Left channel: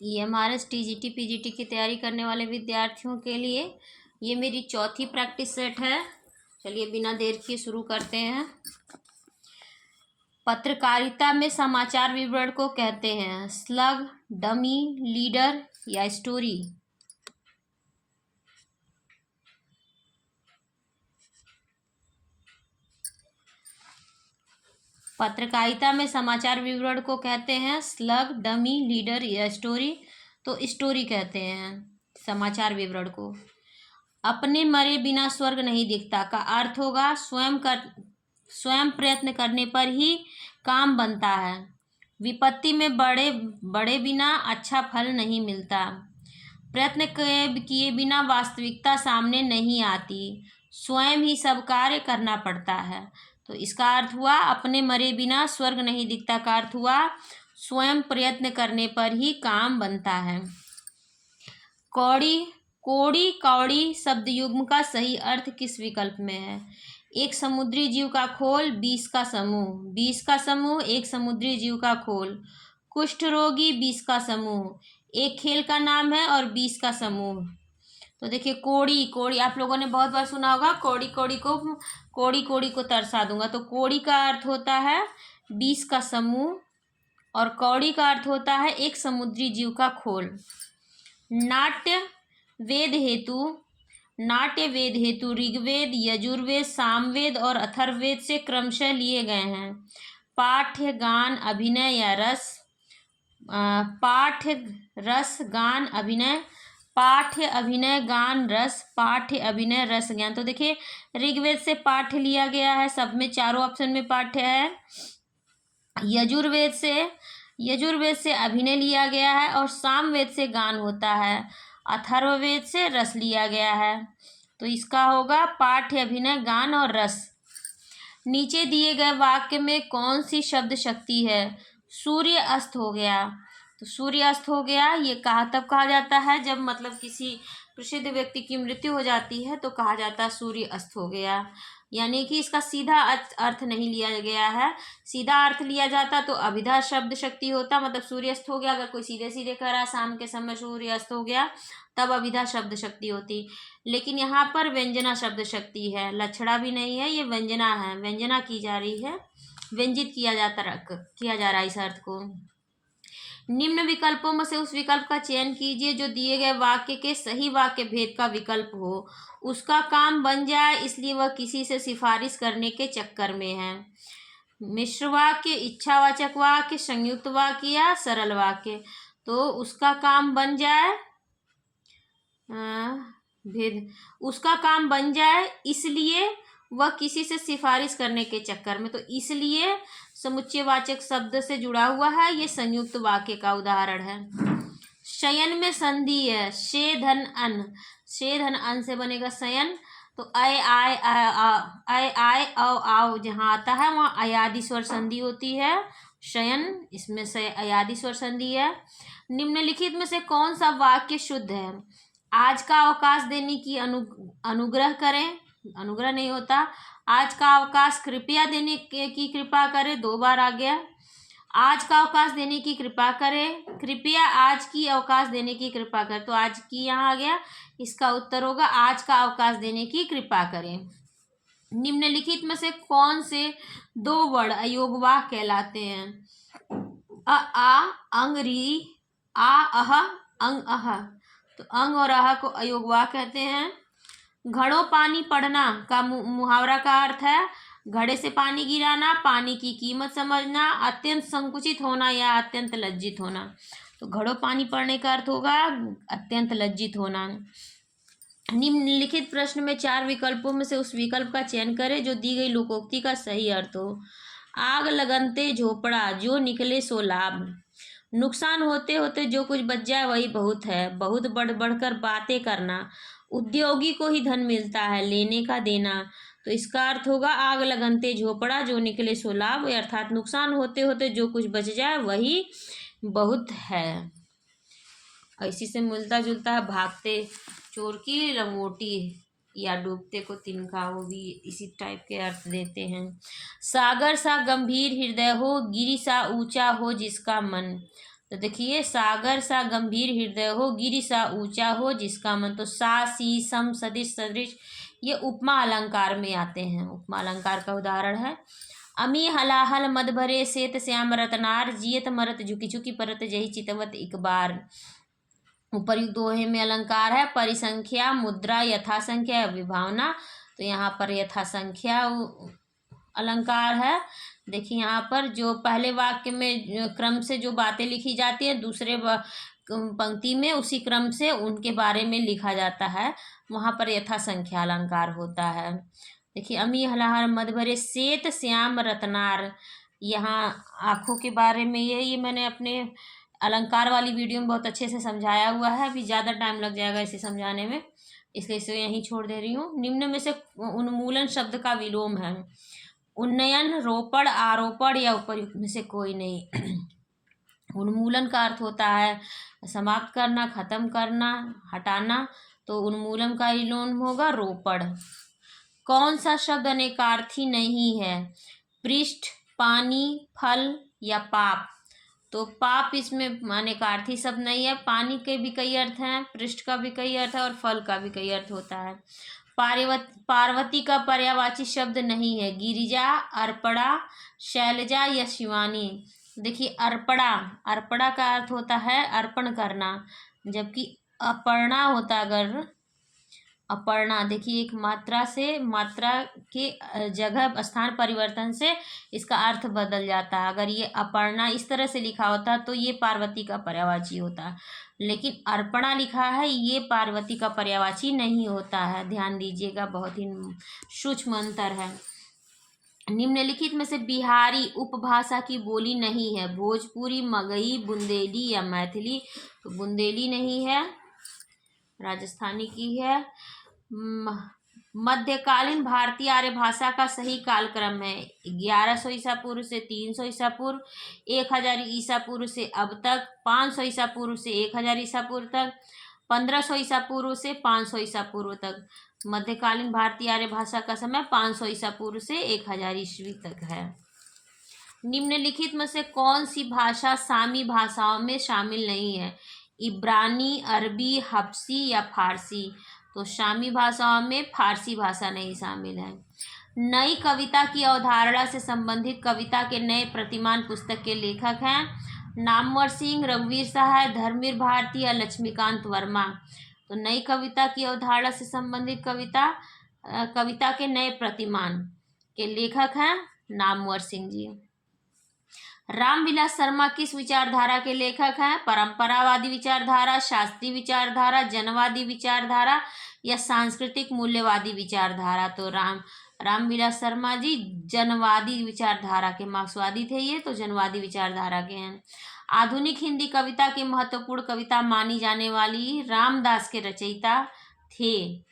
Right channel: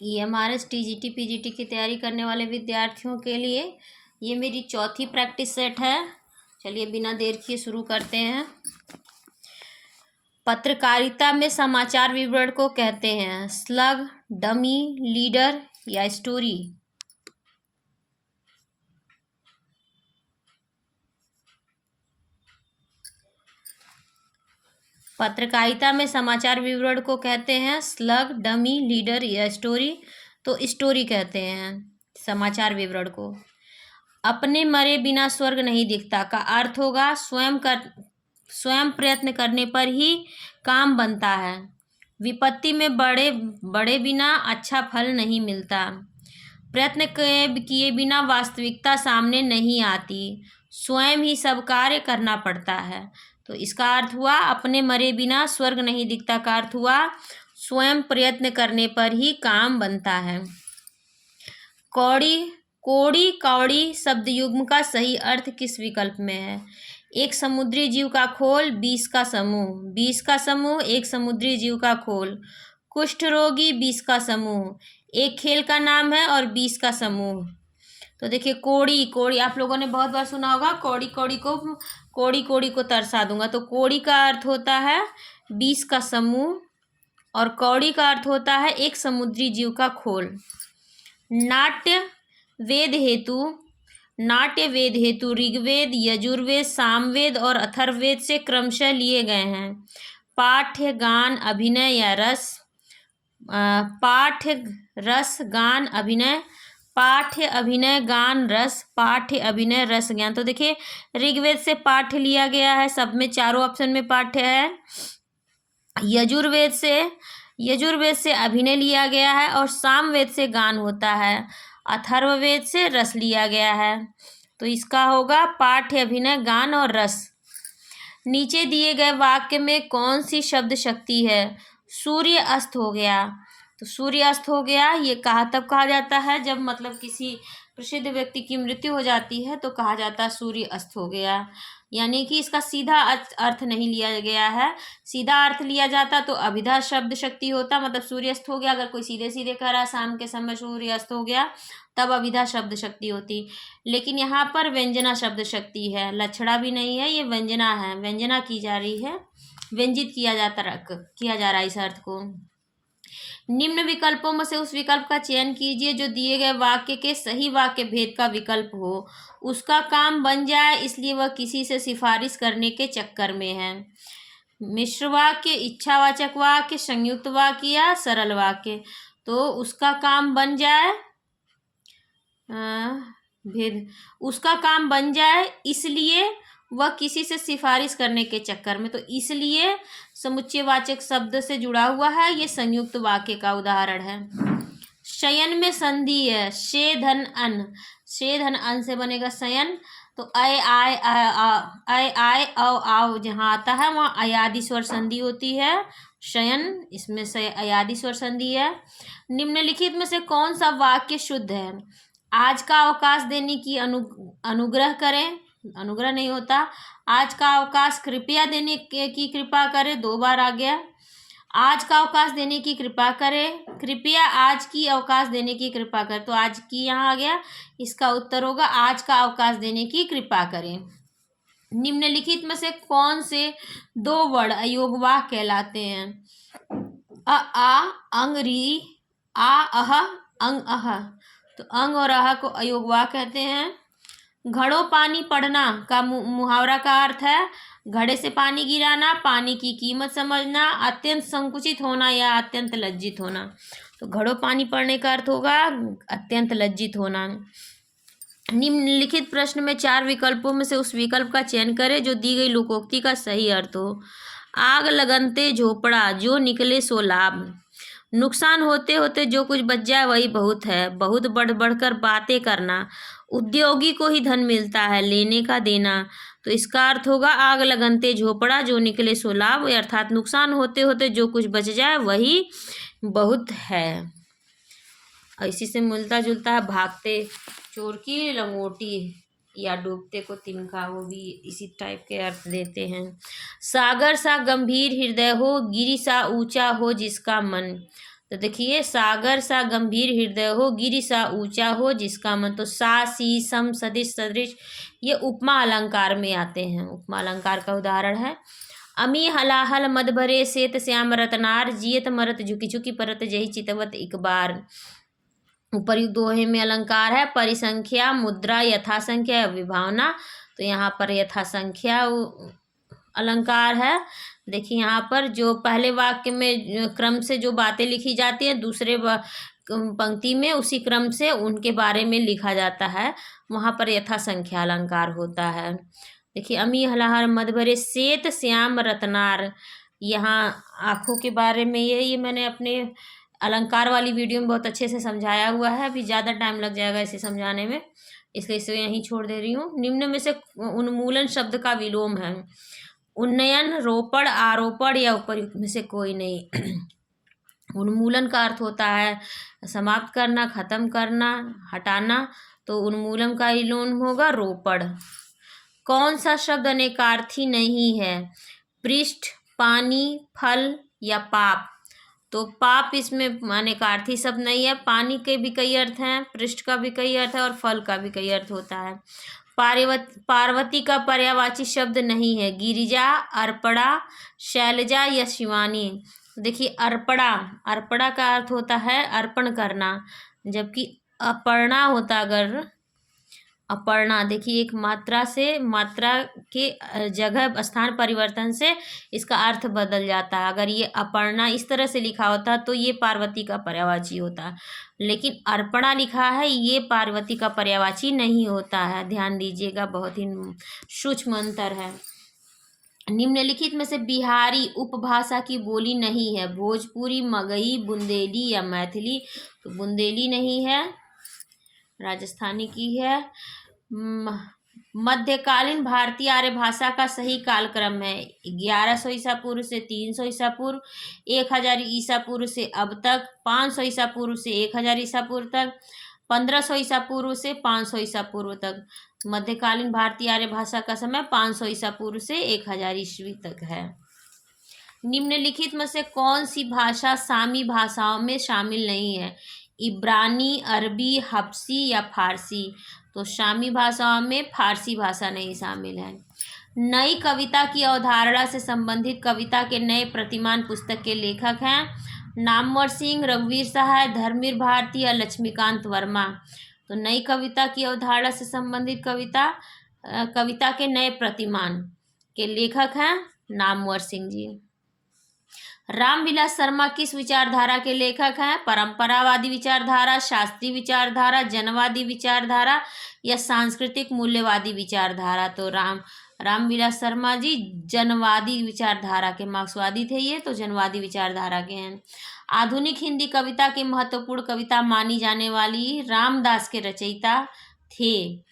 EMRS TGT PGT की तैयारी करने वाले विद्यार्थियों के लिए ये मेरी चौथी प्रैक्टिस सेट है। चलिए बिना देर किए शुरू करते हैं। पत्रकारिता में समाचार विवरण को कहते हैं स्लग, डमी, लीडर या स्टोरी। पत्रकारिता में समाचार विवरण को कहते हैं स्लग, डमी, लीडर या स्टोरी। तो स्टोरी कहते हैं समाचार विवरण को। अपने मरे बिना स्वर्ग नहीं दिखता का अर्थ होगा स्वयं प्रयत्न करने पर ही काम बनता है। विपत्ति में बड़े बड़े बिना अच्छा फल नहीं मिलता। प्रयत्न किए बिना वास्तविकता सामने नहीं आती। स्वयं ही सब कार्य करना पड़ता है। तो इसका अर्थ हुआ अपने मरे बिना स्वर्ग नहीं दिखता का अर्थ हुआ स्वयं प्रयत्न करने पर ही काम बनता है। कौड़ी, कोड़ी, कौड़ी शब्द युग्म का सही अर्थ किस विकल्प में है? एक समुद्री जीव का खोल, 20 का समूह। 20 का समूह, एक समुद्री जीव का खोल। कुष्ठ रोगी, 20 का समूह। एक खेल का नाम है और 20 का समूह। तो देखिए कोड़ी, कोड़ी आप लोगों ने बहुत बार सुना होगा। कोड़ी को तरसा दूंगा। तो कोड़ी का अर्थ होता है 20 का समूह और कौड़ी का अर्थ होता है एक समुद्री जीव का खोल। नाट्य वेद हेतु ऋग्वेद, यजुर्वेद, सामवेद और अथर्ववेद से क्रमशः लिए गए हैं। पाठ्य, गान, अभिनय या रस। पाठ्य, रस, गान, अभिनय। पाठ्य, अभिनय, गान, रस। पाठ्य, अभिनय, रस, ज्ञान। तो देखिए ऋग्वेद से पाठ्य लिया गया है, सब में चारों ऑप्शन में पाठ्य है। यजुर्वेद से अभिनय लिया गया है और सामवेद से गान होता है। अथर्ववेद से रस लिया गया है। तो इसका होगा पाठ्य, अभिनय, गान और रस। नीचे दिए गए वाक्य में कौन सी शब्द शक्ति है? सूर्य अस्त हो गया। तो सूर्य अस्त हो गया ये तब कहा जाता है जब मतलब किसी प्रसिद्ध व्यक्ति की मृत्यु हो जाती है तो कहा जाता है सूर्य अस्त हो गया। यानी कि इसका सीधा अर्थ नहीं लिया गया है। सीधा अर्थ लिया जाता तो अभिधा शब्द शक्ति होता, मतलब सूर्य अस्त हो गया। अगर कोई सीधे सीधे कह रहा है शाम के समय सूर्य अस्त हो गया तब अभिधा शब्द शक्ति होती। लेकिन यहाँ पर व्यंजना शब्द शक्ति है, लक्षणा भी नहीं है, ये व्यंजना है, व्यंजना की जा रही है, व्यंजित किया जा रहा है इस अर्थ को। निम्न विकल्पों में से उस विकल्प का चयन कीजिए जो दिए गए वाक्य के सही वाक्य भेद का विकल्प हो। उसका काम बन जाए इसलिए वह किसी से सिफारिश करने के चक्कर में है। मिश्र वाक्य, इच्छावाचक वाक्य, संयुक्त वाक्य या सरल वाक्य। तो उसका काम बन जाए उसका काम बन जाए इसलिए वह किसी से सिफारिश करने के चक्कर में। तो इसलिए समुच्चयवाचक शब्द से जुड़ा हुआ है, ये संयुक्त वाक्य का उदाहरण है। शयन में संधि है शे धन अन। शे धन अन से बनेगा शयन। तो अय आय औ आओ जहाँ आता है वहाँ अयादि स्वर संधि होती है। शयन, इसमें से अयादि स्वर संधि है। निम्नलिखित में से कौन सा वाक्य शुद्ध है? आज का अवकाश देने की अनुग्रह करें, अनुग्रह नहीं होता। आज का अवकाश कृपया देने की कृपा करें, 2 बार आ गया। आज का अवकाश देने की कृपा करें, कृपया आज की अवकाश देने की कृपा करें। तो आज की यहाँ आ गया, इसका उत्तर होगा आज का अवकाश देने की कृपा करें। निम्नलिखित में से कौन से 2 वर्ण अयोगवाह कहलाते हैं? आ, अंग, री, आ, अह, अंग, अह। तो अंग और अह को अयोगवाह कहते हैं। घड़ों पानी पढ़ना का मुहावरा का अर्थ है घड़े से पानी गिराना, पानी की कीमत समझना, अत्यंत संकुचित होना या अत्यंत लज्जित होना। तो घड़ों पानी पढ़ने का अर्थ होगा अत्यंत लज्जित होना। निम्नलिखित प्रश्न में 4 विकल्पों में से उस विकल्प का चयन करें जो दी गई लोकोक्ति का सही अर्थ हो। आग लगनते झोपड़ा, जो निकले सो लाभ। नुकसान होते होते जो कुछ बच जाए वही बहुत है। बहुत बढ़ बढ़कर बातें करना, उद्योगी को ही धन मिलता है, लेने का देना। तो इसका अर्थ होगा आग लगनते झोपड़ा, जो निकले सो लाभ, अर्थात नुकसान होते होते जो कुछ बच जाए वही बहुत है। इसी से मिलता जुलता है भागते चोर की लंगोटी या डूबते को तिनका, वो भी इसी टाइप के अर्थ देते हैं। सागर सा गंभीर हृदय हो, गिरि सा ऊंचा हो जिसका मन। तो देखिए, सागर सा गंभीर हृदय हो, गिरि सा ऊंचा हो जिसका मन, तो सा सी सम सदिश सदृश, ये उपमा अलंकार में आते हैं, उपमा अलंकार का उदाहरण है। अमी हलाहल मद भरे श्वेत श्याम रतनार, जियत मरत झुकी झुकी परत जही चितवत एक बार। उपर्युक्त दोहे में अलंकार है परिसंख्या, मुद्रा, यथासंख्या, विभावना। तो यहाँ पर यथासंख्या अलंकार है। देखिए यहाँ पर जो पहले वाक्य में क्रम से जो बातें लिखी जाती है, दूसरे पंक्ति में उसी क्रम से उनके बारे में लिखा जाता है, वहाँ पर यथासंख्या अलंकार होता है। देखिए, अमी हलाहल मद भरे श्वेत श्याम रत्नार, यहाँ आँखों के बारे में ये मैंने अपने अलंकार वाली वीडियो में बहुत अच्छे से समझाया हुआ है। अभी ज़्यादा टाइम लग जाएगा इसे समझाने में, इसलिए इसे यहीं छोड़ दे रही हूँ। निम्न में से उन्मूलन शब्द का विलोम है। उन्नयन, रोपण, आरोपण या उपर्युक्त में से कोई नहीं। उन्मूलन का अर्थ होता है समाप्त करना, खत्म करना, हटाना। तो उन्मूलन का विलोम होगा रोपण। कौन सा शब्द अनेकार्थी नहीं है? पृष्ठ, पानी, फल या पाप। तो पाप इसमें अनेकार्थी शब्द नहीं है। पानी के भी कई अर्थ हैं, पृष्ठ का भी कई अर्थ है और फल का भी कई अर्थ होता है। पार्वती का पर्यायवाची शब्द नहीं है। गिरिजा, अर्पणा, शैलजा या शिवानी। देखिए, अर्पणा, अर्पणा का अर्थ होता है अर्पण करना, जबकि अपर्णा होता अगर अपर्णा, देखिए एक मात्रा से मात्रा के जगह स्थान परिवर्तन से इसका अर्थ बदल जाता है। अगर ये अपर्णा इस तरह से लिखा होता तो ये पार्वती का पर्यायवाची होता, लेकिन अर्पणा लिखा है, ये पार्वती का पर्यायवाची नहीं होता है। ध्यान दीजिएगा, बहुत ही सूक्ष्म अंतर है। निम्नलिखित में से बिहारी उपभाषा की बोली नहीं है। भोजपुरी, मगही, बुंदेली या मैथिली। तो बुंदेली नहीं है, राजस्थानी की है। मध्यकालीन भारतीय आर्य भाषा का सही कालक्रम है 1100 ईसा पूर्व से 300 ईसा पूर्व, 1000 ईसा पूर्व से अब तक, 500 ईसा पूर्व से 1000 ईसा पूर्व तक, 1500 ईसा पूर्व से 500 ईसा पूर्व तक। मध्यकालीन भारतीय आर्य भाषा का समय 500 ईसा पूर्व से 1000 ईस्वी तक है। निम्नलिखित में से कौन सी भाषा सामी भाषाओं में शामिल नहीं है? इब्रानी, अरबी, हब्सी या फारसी। तो शामी भाषाओं में फारसी भाषा नहीं शामिल है। नई कविता की अवधारणा से संबंधित कविता के नए प्रतिमान पुस्तक के लेखक हैं नामवर सिंह, रघुवीर सहाय, धर्मवीर भारती या लक्ष्मीकांत वर्मा। तो नई कविता की अवधारणा से संबंधित कविता के नए प्रतिमान के लेखक हैं नामवर सिंह जी। रामविलास शर्मा किस विचारधारा के लेखक हैं? परंपरावादी विचारधारा, शास्त्रीय विचारधारा, जनवादी विचारधारा या सांस्कृतिक मूल्यवादी विचारधारा। तो रामविलास शर्मा जी जनवादी विचारधारा के, मार्क्सवादी थे ये, तो जनवादी विचारधारा के हैं। आधुनिक हिंदी कविता की महत्वपूर्ण कविता मानी जाने वाली रामदास के रचयिता थे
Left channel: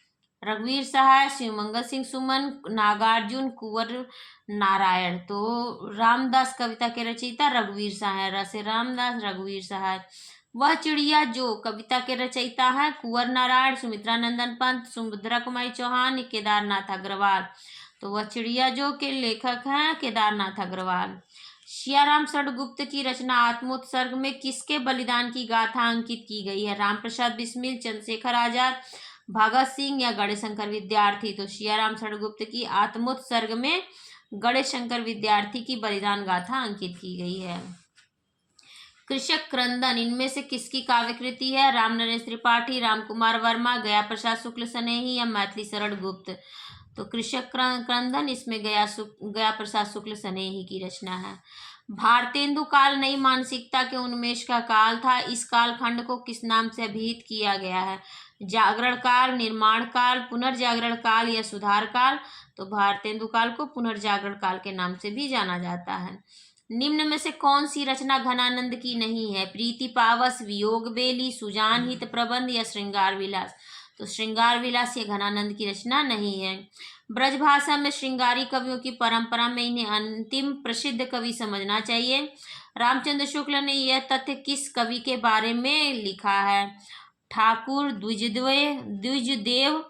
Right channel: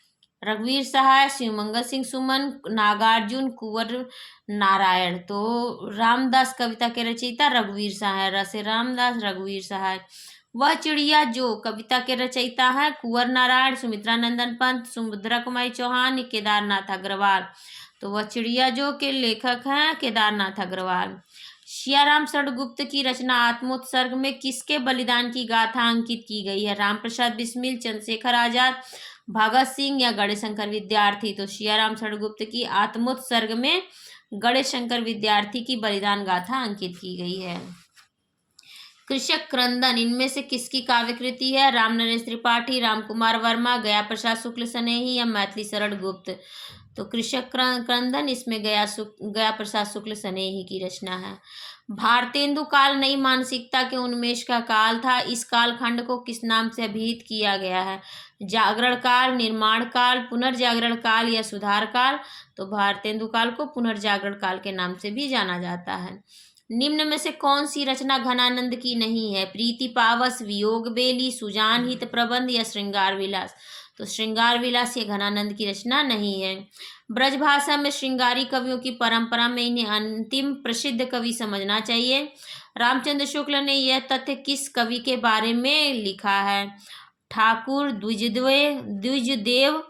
रघुवीर सहाय, शिवमंगल सिंह सुमन, नागार्जुन, कुंवर नारायण। तो रामदास कविता के रचयिता रघुवीर सहाय, रसे रामदास, रघुवीर सहाय। वह चिड़िया जो कविता के रचयिता हैं कुंवर नारायण, सुमित्रा नंदन पंत, सुभद्रा कुमारी चौहान, केदारनाथ अग्रवाल। तो वह चिड़िया जो के लेखक हैं केदारनाथ अग्रवाल। सियाराम शरणगुप्त की रचना आत्मोत्सर्ग में किसके बलिदान की गाथा अंकित की गई है? रामप्रसाद बिस्मिल, चंद्रशेखर आजाद, भगत सिंह या गणेशशंकर विद्यार्थी। तो सियाराम शरणगुप्त की आत्मोत्सर्ग में गणेशशंकर विद्यार्थी की बलिदान गाथा अंकित की गई है। कृषक क्रंदन इनमें से किसकी काव्यकृति है? राम नरेश त्रिपाठी, राम कुमार वर्मा, गया प्रसाद शुक्ल स्नेही या मैथिली शरण गुप्त। तो कृषक क्रंदन इसमें गया प्रसाद शुक्ल स्नेही की रचना है। भारतेंदु काल नई मानसिकता के उन्मेष का काल था। इस कालखंड को किस नाम से अभिहित किया गया है? जागरण काल, निर्माण काल, पुनर्जागरण काल या सुधार काल। तो भारतेंदु काल को पुनर्जागरण काल के नाम से भी जाना जाता है। निम्न में से कौन सी रचना घनानंद की नहीं है? प्रीति पावस, वियोग बेली, सुजान हित प्रबंध या श्रृंगार विलास। तो श्रृंगार विलास ये घनानंद की रचना नहीं है। ब्रजभाषा में श्रृंगारी कवियों की परंपरा में इन्हें अंतिम प्रसिद्ध कवि समझना चाहिए। रामचंद्र शुक्ल ने यह तथ्य किस कवि के बारे में लिखा है? ठाकुर, द्विजदेव,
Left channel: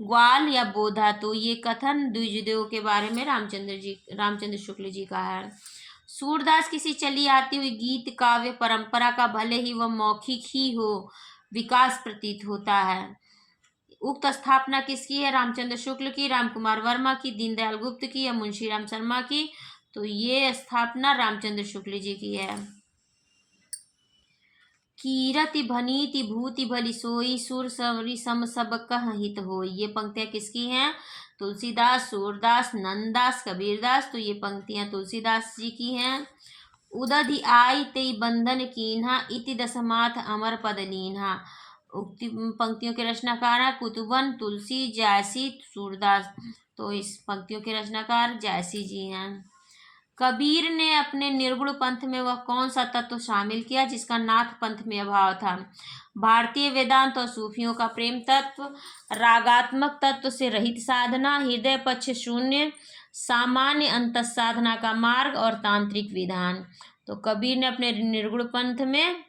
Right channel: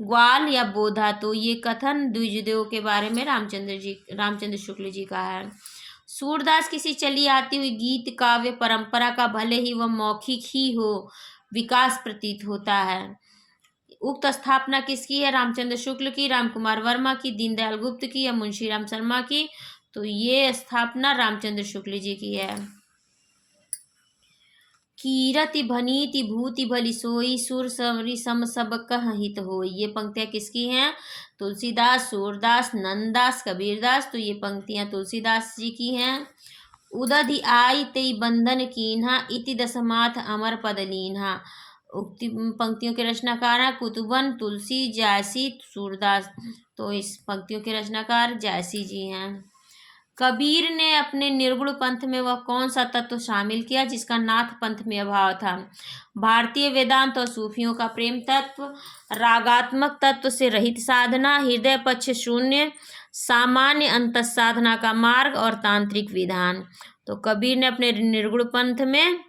ग्वाल या बोधा। तो ये कथन द्विजदेव के बारे में रामचंद्र शुक्ल जी का है। सूरदास किसी चली आती हुई गीत काव्य परंपरा का भले ही वह मौखिक ही हो विकास प्रतीत होता है। उक्त स्थापना किसकी है? रामचंद्र शुक्ल की, रामकुमार वर्मा की, दीनदयाल गुप्त की या मुंशीराम शर्मा की? तो ये स्थापना रामचंद्र शुक्ल जी की है। कीरति भनीति भूति भली सोई, सुर सवरी सम सब कह हित होई। ये पंक्तियां किसकी हैं? तुलसीदास, सूरदास, नंददास, कबीरदास। तो ये पंक्तियां तुलसीदास जी की हैं। उदधि आई तेई बंधन कीन्हा, इति दसमाथ अमर पद लीन्हा। उक्ति पंक्तियों के रचनाकार हैं कुतुबन, तुलसी, जायसी, सूरदास। तो इस पंक्तियों के रचनाकार जायसी जी हैं। कबीर ने अपने निर्गुण पंथ में वह कौन सा तत्व शामिल किया जिसका नाथ पंथ में अभाव था? भारतीय वेदांत और सूफियों का प्रेम तत्व, रागात्मक तत्व से रहित साधना, हृदय पक्ष शून्य, सामान्य अंतः साधना का मार्ग और तांत्रिक विधान। तो कबीर ने अपने निर्गुण पंथ में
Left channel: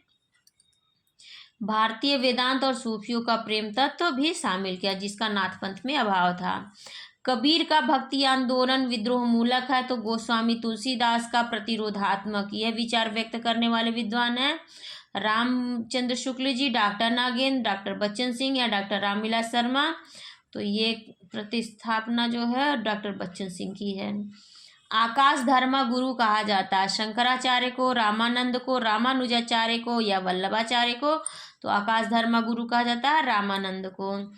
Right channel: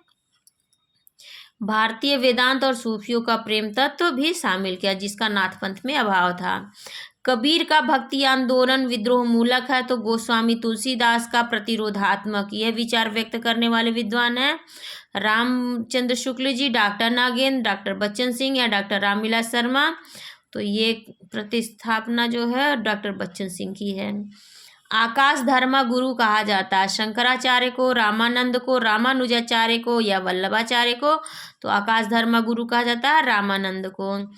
भारतीय वेदांत और सूफियों का प्रेम तत्व भी शामिल किया जिसका नाथ पंथ में अभाव था। कबीर का भक्ति आंदोलन विद्रोह मूलक है, तो गोस्वामी तुलसीदास का प्रतिरोधात्मक। यह विचार व्यक्त करने वाले विद्वान हैं रामचंद्र शुक्ल जी, डॉक्टर नागेंद्र, डॉक्टर बच्चन सिंह या डॉक्टर रामविलास शर्मा। तो ये प्रतिस्थापना जो है डॉक्टर बच्चन सिंह की है। आकाश धर्मा गुरु कहा जाता है शंकराचार्य को, रामानंद को, रामानुजाचार्य को या वल्लभाचार्य को? तो आकाश धर्मा गुरु कहा जाता है रामानंद को।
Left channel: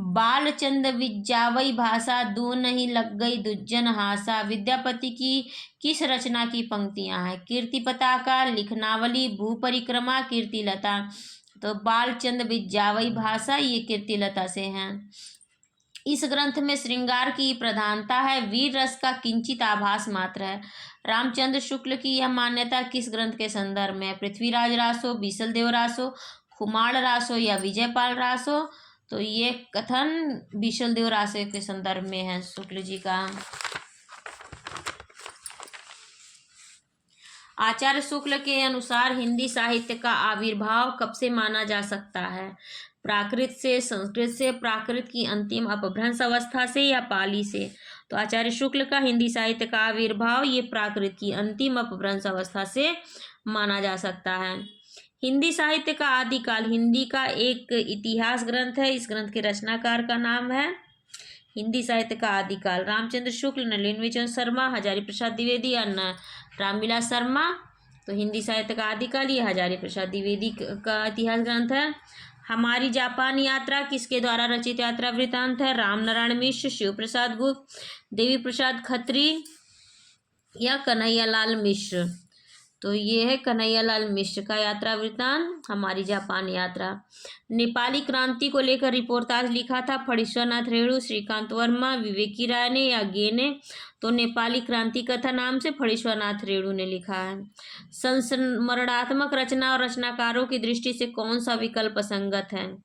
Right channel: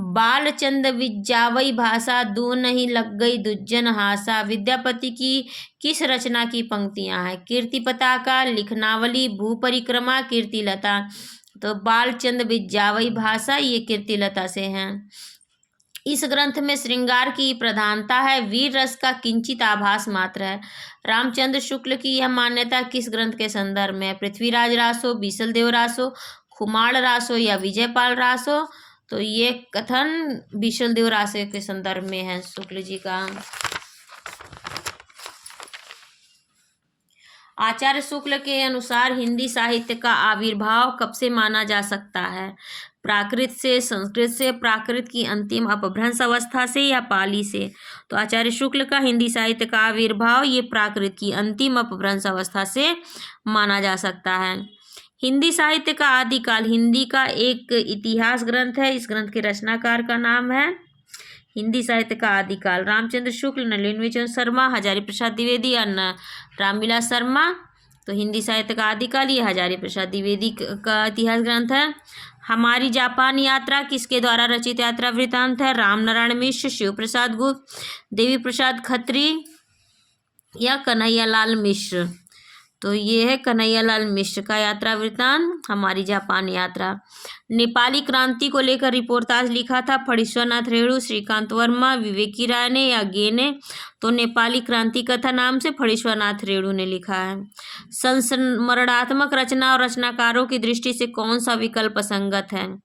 बालचंद विज्जावई भाषा, दो नहीं लग गई दुज्जन हासा। विद्यापति की किस रचना की पंक्तियां हैं? कीर्ति पताका, लिखनावली, भू परिक्रमा, कीर्तिलता। तो बालचंद विज्जावई भाषा ये कीर्तिलता से हैं। इस ग्रंथ में श्रृंगार की प्रधानता है, वीर रस का किंचित आभास मात्र है। रामचंद्र शुक्ल की यह मान्यता किस ग्रंथ के संदर्भ में है? पृथ्वीराज रासो, बीसल देव रासो, खुमाड़ रासो या विजयपाल रासो? तो ये कथन बीसल देव रासो के संदर्भ में है शुक्ल जी का। आचार्य शुक्ल के अनुसार हिंदी साहित्य का आविर्भाव कब से माना जा सकता है? प्राकृत से, संस्कृत से, प्राकृत की अंतिम अपभ्रंश अवस्था से या पाली से? तो आचार्य शुक्ल का हिंदी साहित्य का आविर्भाव ये प्राकृत की अंतिम अपभ्रंश अवस्था से माना जा सकता है। हिंदी साहित्य का आदिकाल हिंदी का एक इतिहास ग्रंथ है। इस ग्रंथ के रचनाकार का नाम है हिंदी साहित्य का आदिकाल रामचंद्र शुक्ल, नलिन विजय शर्मा, हजारी प्रसाद द्विवेदी या रामविलास शर्मा। तो हिंदी साहित्य का आदिकाल ये हजारी प्रसाद द्विवेदी का इतिहास ग्रंथ है। हमारी जापान यात्रा किसके द्वारा रचित यात्रा वृतांत है? राम नारायण मिश्र, शिव प्रसाद गुप्त, देवी प्रसाद खत्री या कन्हैयालाल मिश्र? तो ये है कन्हैयालाल मिश्र का यात्रा वृतांत हमारी जापान यात्रा। नेपाली क्रांति को लेकर रिपोर्टाज लिखा था फणीश्वरनाथ रेणु, श्रीकांत वर्मा, विवेकी राय ने या गे ने? तो नेपाली क्रांति कथा नाम से फणीश्वरनाथ रेणु ने लिखा है। संस्मरणात्मक रचना और रचनाकारों की दृष्टि से कौन सा विकल्प संगत है?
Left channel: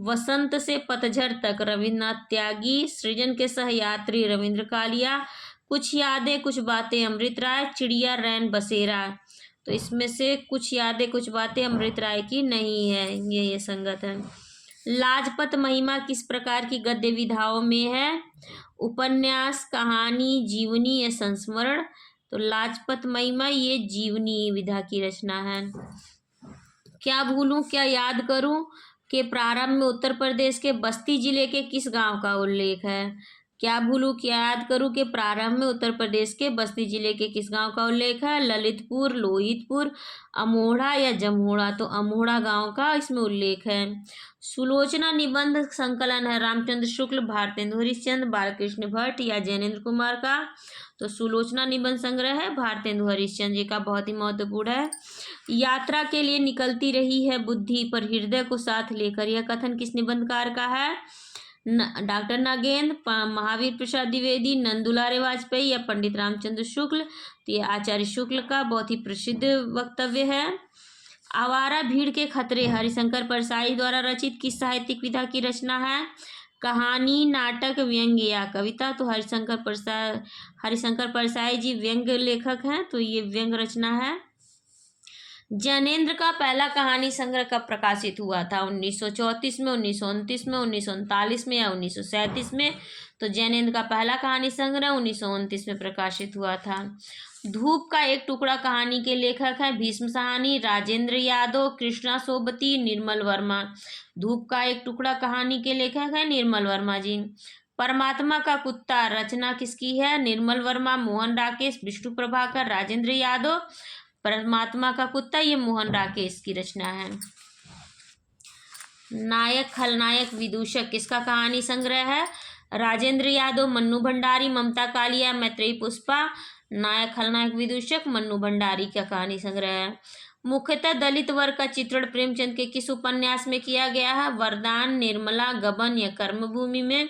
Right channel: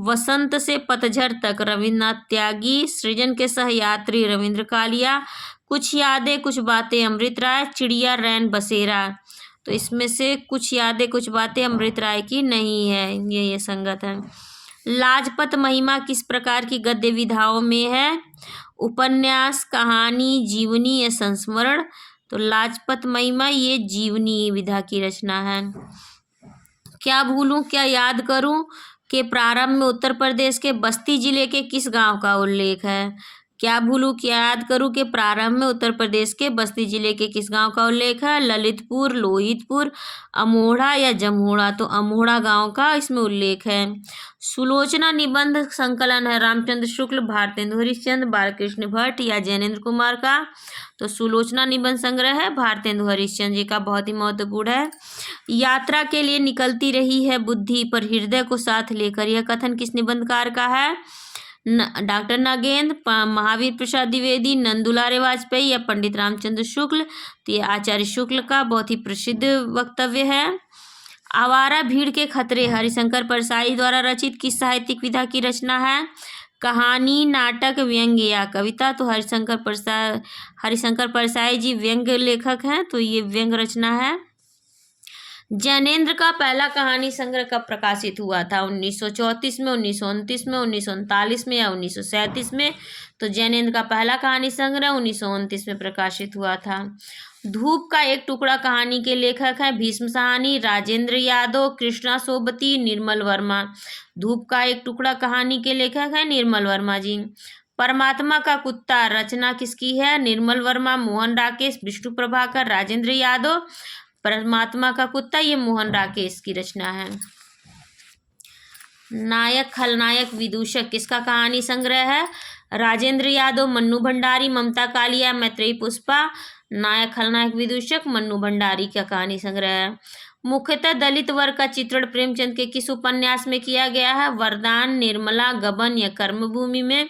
वसंत से पतझड़ तक रविन्द्रनाथ त्यागी, सृजन के सहयात्री रविंद्र कालिया, कुछ यादें कुछ बातें अमृत राय, चिड़िया रैन बसेरा? तो इसमें से कुछ यादें कुछ बातें अमृत राय की नहीं है, ये संगत है। लाजपत महिमा किस प्रकार की गद्य विधाओं में है? उपन्यास, कहानी, जीवनी या संस्मरण? तो लाजपत महिमा ये जीवनी विधा की रचना है। क्या भूलूं क्या याद करूं के प्रारंभ में उत्तर प्रदेश के बस्ती जिले के किस गांव का उल्लेख है? क्या भूलूं क्या याद करूं के प्रारंभ में उत्तर प्रदेश के बस्ती जिले के किस गांव का उल्लेख है? ललितपुर, लोहितपुर, अमोढ़ा या जमोड़ा? तो अमोढ़ा गांव का इसमें उल्लेख है। सुलोचना निबंध संकलन है रामचंद्र शुक्ल, भारतेंदु हरिश्चंद्र, बालकृष्ण भट्ट या जैनेन्द्र कुमार का? तो सुलोचना निबंध संग्रह है भारतेंदु हरिश्चंद्र जी का, बहुत ही महत्वपूर्ण है। यात्रा के लिए निकलती रही है बुद्धि पर हृदय को साथ लेकर, यह कथन किस निबंधकार का है? डॉक्टर नागेंद्र, महावीर प्रसाद द्विवेदी, नंदुलारे वाजपेयी या पंडित रामचंद्र शुक्ल? तो ये आचार्य शुक्ल का बहुत ही प्रसिद्ध वक्तव्य है। आवारा भीड़ के खतरे हरिशंकर परसाई द्वारा रचित किस साहित्यिक विधा की रचना है? कहानी, नाटक, व्यंग्य या कविता? तो हरिशंकर परसाई जी व्यंग्य लेखक हैं, तो ये व्यंग्य रचना है। जैनेन्द्र का पहला कहानी संग्रह कब प्रकाशित हुआ था? 1934 में, 1929 में, 1939 में या 1937 में? तो जैनेन्द्र का पहला कहानी संग्रह 1929 में प्रकाशित हुआ था। धूप का एक टुकड़ा कहानी के लेखक हैं भीष्म साहनी, राजेंद्र यादव, कृष्णा सोबती, निर्मल वर्मा। धूप का एक टुकड़ा कहानी के लेखक हैं निर्मल वर्मा जी। परमात्मा का कुत्ता रचना किसकी है? निर्मल वर्मा, मोहन राकेश, विष्णु प्रभाकर, राजेंद्र यादव। परमात्मा का कुत्ता ये मोहन राकेश की रचना है। नायक खलनायक विदूषक किसका कहानी संग्रह है? राजेंद्र यादव, मन्नू भंडारी, ममता कालिया, मैत्रेयी पुष्पा। नायक खलनायक विदूषक मन्नू भंडारी का कहानी संग्रह है। मुख्यतः दलित वर्ग का चित्रण प्रेमचंद के किस उपन्यास में किया गया है? वरदान, निर्मला, गबन या कर्मभूमि में?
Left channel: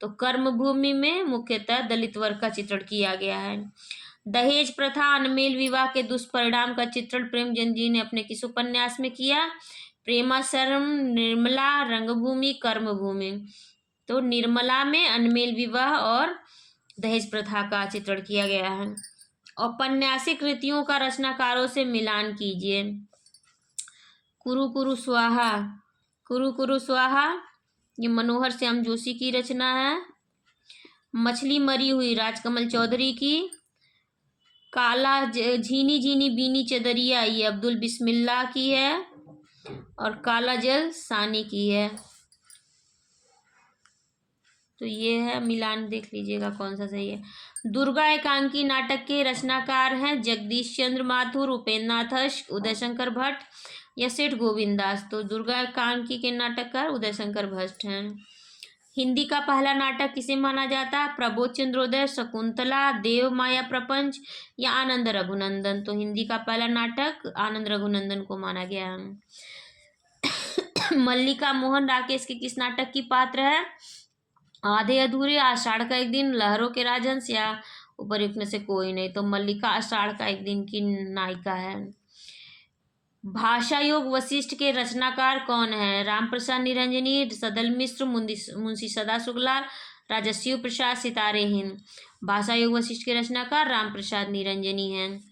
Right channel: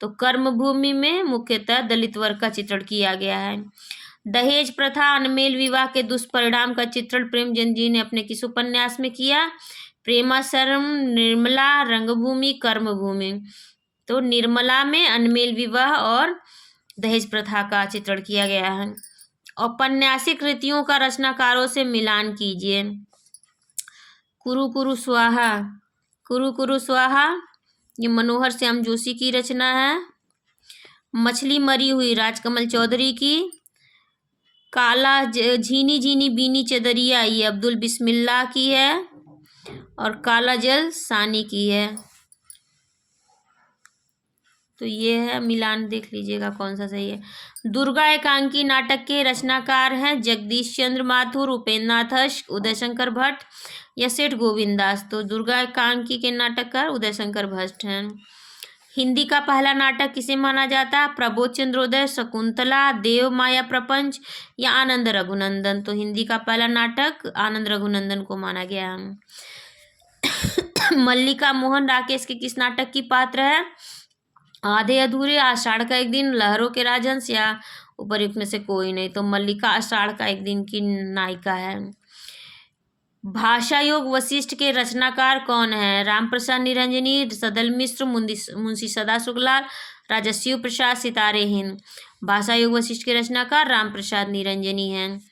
तो कर्मभूमि में मुख्यतः दलित वर्ग का चित्रण किया गया है। दहेज प्रथा, अनमेल विवाह के दुष्परिणाम का चित्रण प्रेमचंद जी ने अपने किस उपन्यास में किया? प्रेमाश्रम, निर्मला, रंगभूमि, कर्मभूमि। तो निर्मला में अनमेल विवाह और दहेज प्रथा का चित्रण किया गया है। औपन्यासिक कृतियों का रचनाकारों से मिलान कीजिए। कुरु कुरु स्वाहा, कुरु कुरु स्वाहा ये मनोहर श्याम जोशी की रचना है। मछली मरी हुई राजकमल चौधरी की। काला झीनी झीनी बीनी चदरिया ये अब्दुल बिस्मिल्लाह की है। और काला जल सानी की है। तो ये है, मिलान देख लीजिएगा कौन सा सही है। दुर्गा एकांकी नाटक के रचनाकार हैं जगदीश चंद्र माथुर, उपेंद्र नाथ, उदय शंकर भट्ट या सेठ गोविंद दास। तो दुर्गा एकांकी के नाटककार उदय शंकर भट्ट हैं। हिंदी का पहला नाटक किसे माना जाता है? प्रबोध चंद्रोदय, शकुंतला, देव माया प्रपंच या आनंद रघुनंदन। तो हिंदी का पहला नाटक आनंद रघुनंदन को माना गया है। मल्लिका मोहन राकेश के किस नाटक की पात्र है? आधे अधूरे, आषाढ़ का एक दिन, लहरों के राजहंस या उपर्युक्त में से कोई नहीं। तो मल्लिका आषाढ़ का एक दिन की नायिका है। भाषा योग वशिष्ठ के रचनाकार कौन है? रामप्रसाद निरंजनी, सदल मिश्र, मुंशी सदा शुक्लाल, राजा शिव प्रसाद, सितारे हिंद। भाषा योग वशिष्ठ के रचनाकार रामप्रसाद निरंजनी हैं।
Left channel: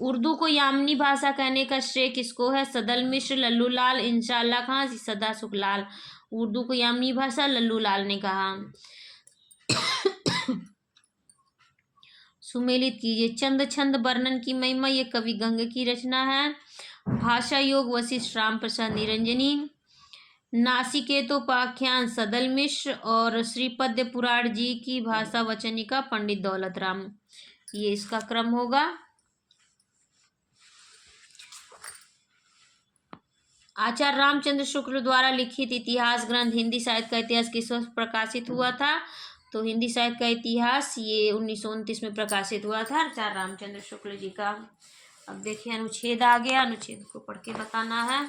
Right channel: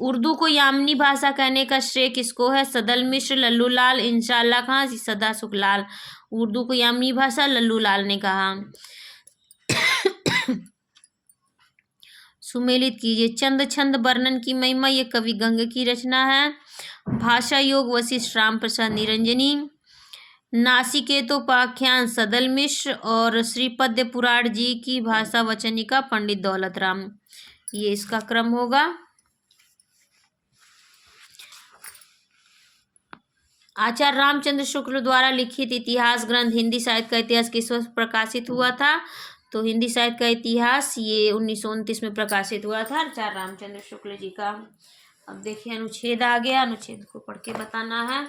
उर्दू को यामनी भाषा कहने का श्रेय किसको है? सदल मिश्र, लल्लू लाल, इंशाअल्लाह खां, सदा शुक्लाल। उर्दू को यामनी भाषा लल्लू लाल ने कहा। सुमेलित कीजिए। चंद छंद वर्णन की महिमा ये कवि गंग की रचना है। भाषा योग वशिष्ठ रामप्रसाद निरंजनी। नासिकेतोपाख्यान सदल मिश्र और श्रीपद्य पुराण जी की भाषा वचनिका पंडित दौलत राम। ये इसका क्रम होगा। आचार्य रामचंद्र शुक्ल द्वारा लिखित इतिहास ग्रंथ हिंदी साहित्य का इतिहास किस वर्ष प्रकाशित हुआ था? तो हिंदी साहित्य का इतिहास ये 1929 में प्रकाशित हुआ था आचार्य रामचंद्र शुक्ल जी का। अब देखिए अनुच्छेद आ गया, अनुच्छेद को पढ़ के बताना है।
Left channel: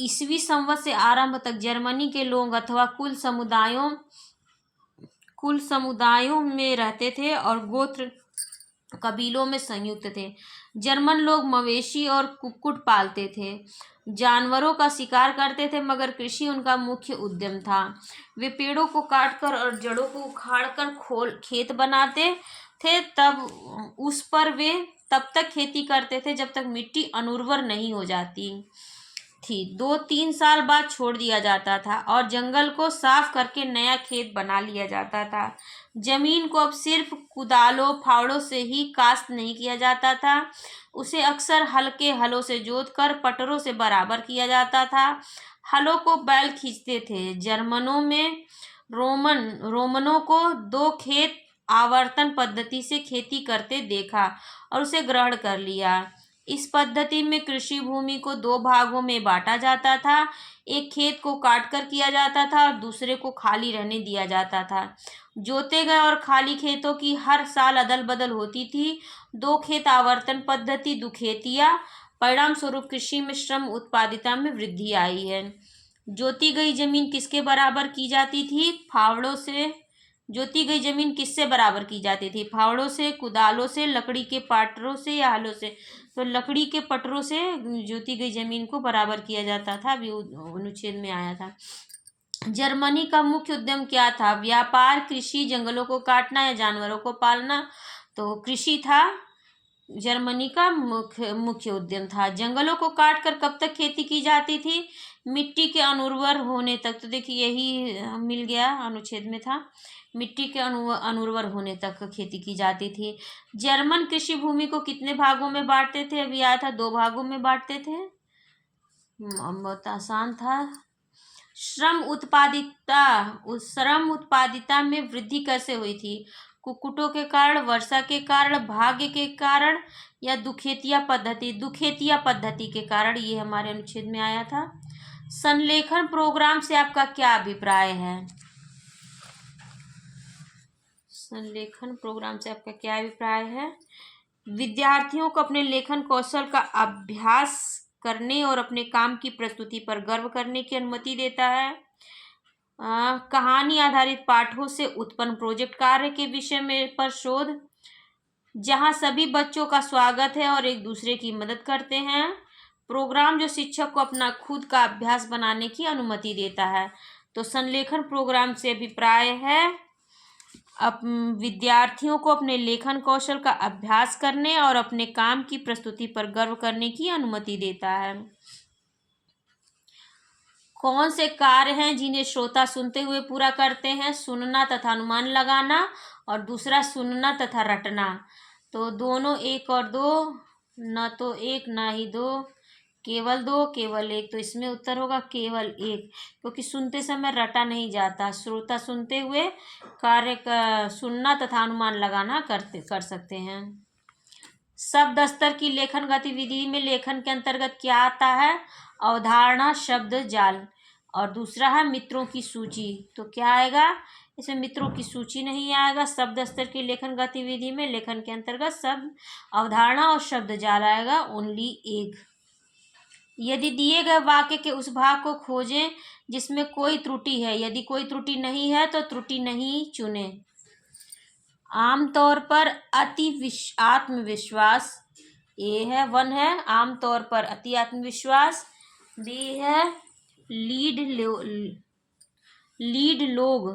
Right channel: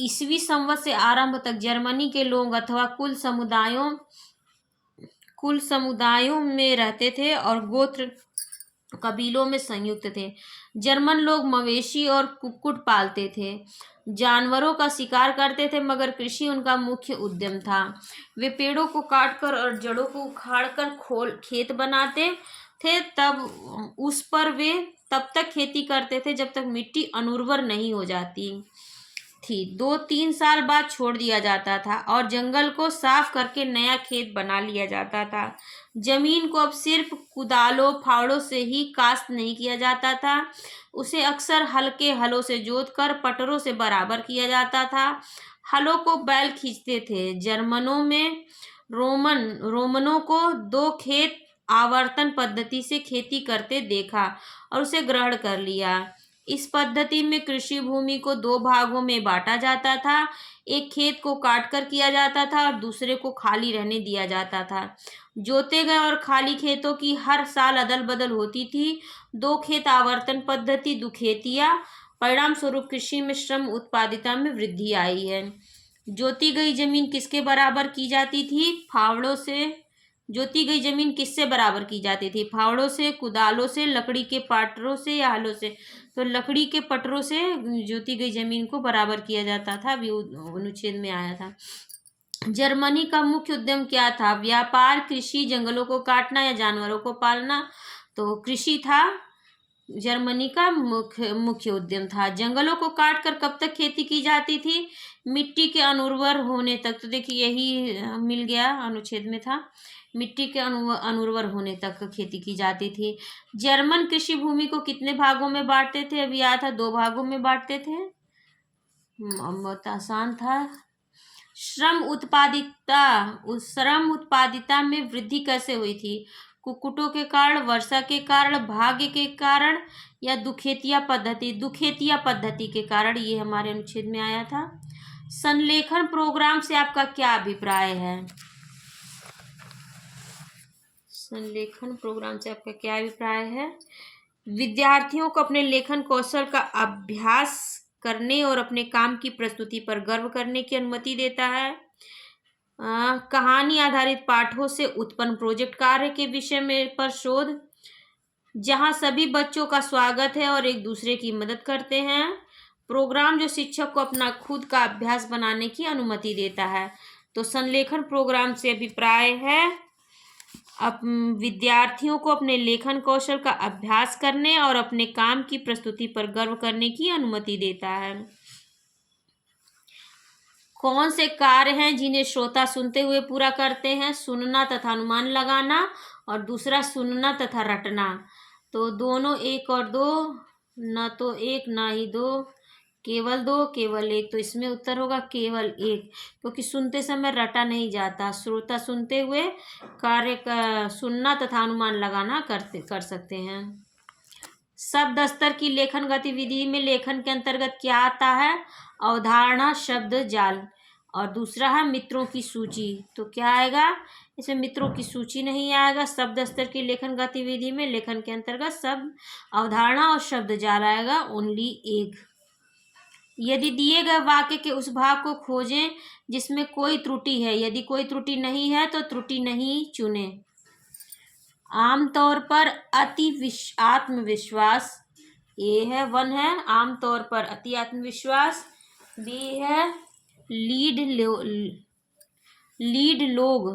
ईसवी संवत से आरंभ तक जर्मनी के लोग अथवा कुल समुदायों में रहते थे और गोत्र कबीलों में संयुक्त थे। जर्मन लोग मवेशी और कुक्कुट पालते थे, जानवरों का शिकार करते थे, मगर कृषि उनका मुख्य उद्यम था। वे पेड़ों को काटकर और जड़ों को उखाड़कर खेत बनाते थे, तब उस पर वे तब तक खेती करते थे जब तक मिट्टी अनुर्वर नहीं हो जाती थी। 2-3 साल बाद छोड़ दिया जाता था और जंगल को साफ करके नया खेत बना लिया जाता था। जमीन को अब सिर्फ कुदालों फावड़ों से ही काश्त नहीं किया जाता था, उसे अक्सर हल्के हलों से जोतकर पटरों से बराबर किया जाता था। हलों को बैल खींचते थे। जर्मनों में रोमनों को 2 खेत आवर्तन पद्धति से खेती करते देखा और उसे ग्रहण कर लिया। इस पद्धति में कृषि भूमि को 2 भागों में बांटा जाता था। एक खेत को काटकर किया जाता था और दूसरे को खाली रहने दिया जाता था। जोते गए और खाली खेतों की हर साल अदल बदल होती थी। 2 खेत आवर्तन पद्धति दुखेतिया। परिणाम स्वरूप कृषि में श्रम उत्पादिता में वृद्धि आई है। जोती गई जमीन किसके बराबर की जाती थी? फावड़ों से। जोती गई जमीन किससे बराबर की जाती थी? फावड़ों से, कुदालों से, लकड़ी के पटरों से या हलों से? तो लकड़ी के पटरों से जोती गई जमीन को बराबर किया जाता था। अभी अनुच्छेद में आया था। जर्मनी का मुख्य उद्यम क्या था? व्यापार, कृषि, जंगलों को काटना या जानवरों को पालना? तो कृषि था। जर्मनी का मुख्य उद्यम था। जंगलों को काटकर कब तक खेती की जाती थी? मिट्टी के अनुर्वर होने तक। तो देखिए यही मिल गया, अनुच्छेद में था, मिट्टी के अनुर्वर होने तक खेती की जाती थी। जर्मन कृषि भूमि को कितने भागों में बांटते थे? अभी आया था, 2 भागों में बांटते थे। बहुत आसान था। श्रम उत्पादिता में वृद्धि कैसे हुई थी? कुक्कुटों के कारण, वर्षा के कारण, भाग्य के कारण या दुखेतिया पद्धति के कारण। ये हमारे अनुच्छेद में आया था। संलेखन प्रोग्राम से आपका क्या अभिप्राय है? संलेखन प्रोग्राम से आपका क्या अभिप्राय है? विद्यार्थियों को अपने लेखन कौशल का अभ्यास करने और अपने काम की प्रस्तुति पर गर्व करने की अनुमति देता है। कहानी आधारित पाठों से उत्पन्न प्रोजेक्ट कार्य के विषय में पर शोध, जहां सभी बच्चों का स्वागत है और एक दूसरे की मदद करते हैं। प्रोग्राम जो शिक्षक को अपना खुद का अभ्यास बनाने की अनुमति देता है। तो संलेखन प्रोग्राम से अभिप्राय है अब विद्यार्थियों को अपने लेखन कौशल का अभ्यास करने और अपने काम की प्रस्तुति पर गर्व करने की अनुमति देता है। कौन से कार्य हैं जिन्हें श्रोता सुनते हुए पूरा करते हैं? सुनना तथा अनुमान लगाना, और दूसरा सुनना तथा रटना। तो दोनों 1 और 2, न तो 1 ना ही 2, केवल 2, केवल 1। तो इसमें उत्तर होगा केवल 1, क्योंकि सुनते समय रटा नहीं जाता। श्रोता सुनते हुए कार्य का सुनना तथा अनुमान लगाना कर सकते हैं। शब्द स्तर की लेखन गतिविधि में लेखन के अंतर्गत क्या आता है? अवधारणा, शब्द जाल, और दूसरा है मित्रों की सूची। तो क्या आएगा इसमें? मित्रों की सूची नहीं आएगा। शब्द स्तर की लेखन गतिविधि में लेखन के अंतर्गत शब्द, अवधारणा और शब्द जाल आएगा, ओनली 1। यदि दिए गए वाक्य के उस भाग को खोजें जिसमें कोई त्रुटि है। यदि कोई त्रुटि नहीं है तो त्रुटि नहीं चुने। आमतौर पर आत्मविश्वास, ए है 1 है। आमतौर पर अति आत्मविश्वास, बी है लीड लोग।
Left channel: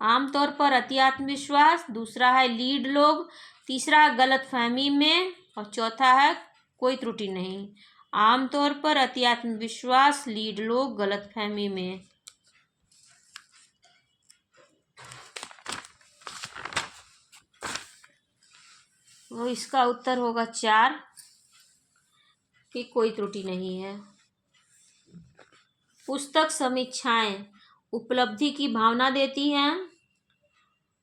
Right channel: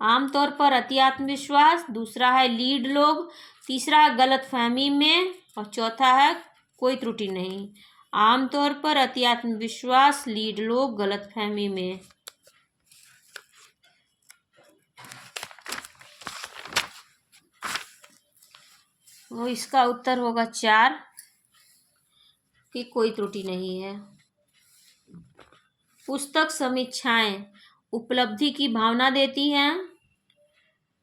आमतौर पर अति आत्मविश्वास, दूसरा है लीड लोग, तीसरा है गलतफहमी में, और चौथा है कोई त्रुटि नहीं। आमतौर पर अति आत्मविश्वास, लीड लोग, गलतफहमी में। वो इसका उत्तर होगा 4, कि कोई त्रुटि नहीं है। पुस्तक समीक्षाएं उपलब्धि की भावना देती हैं।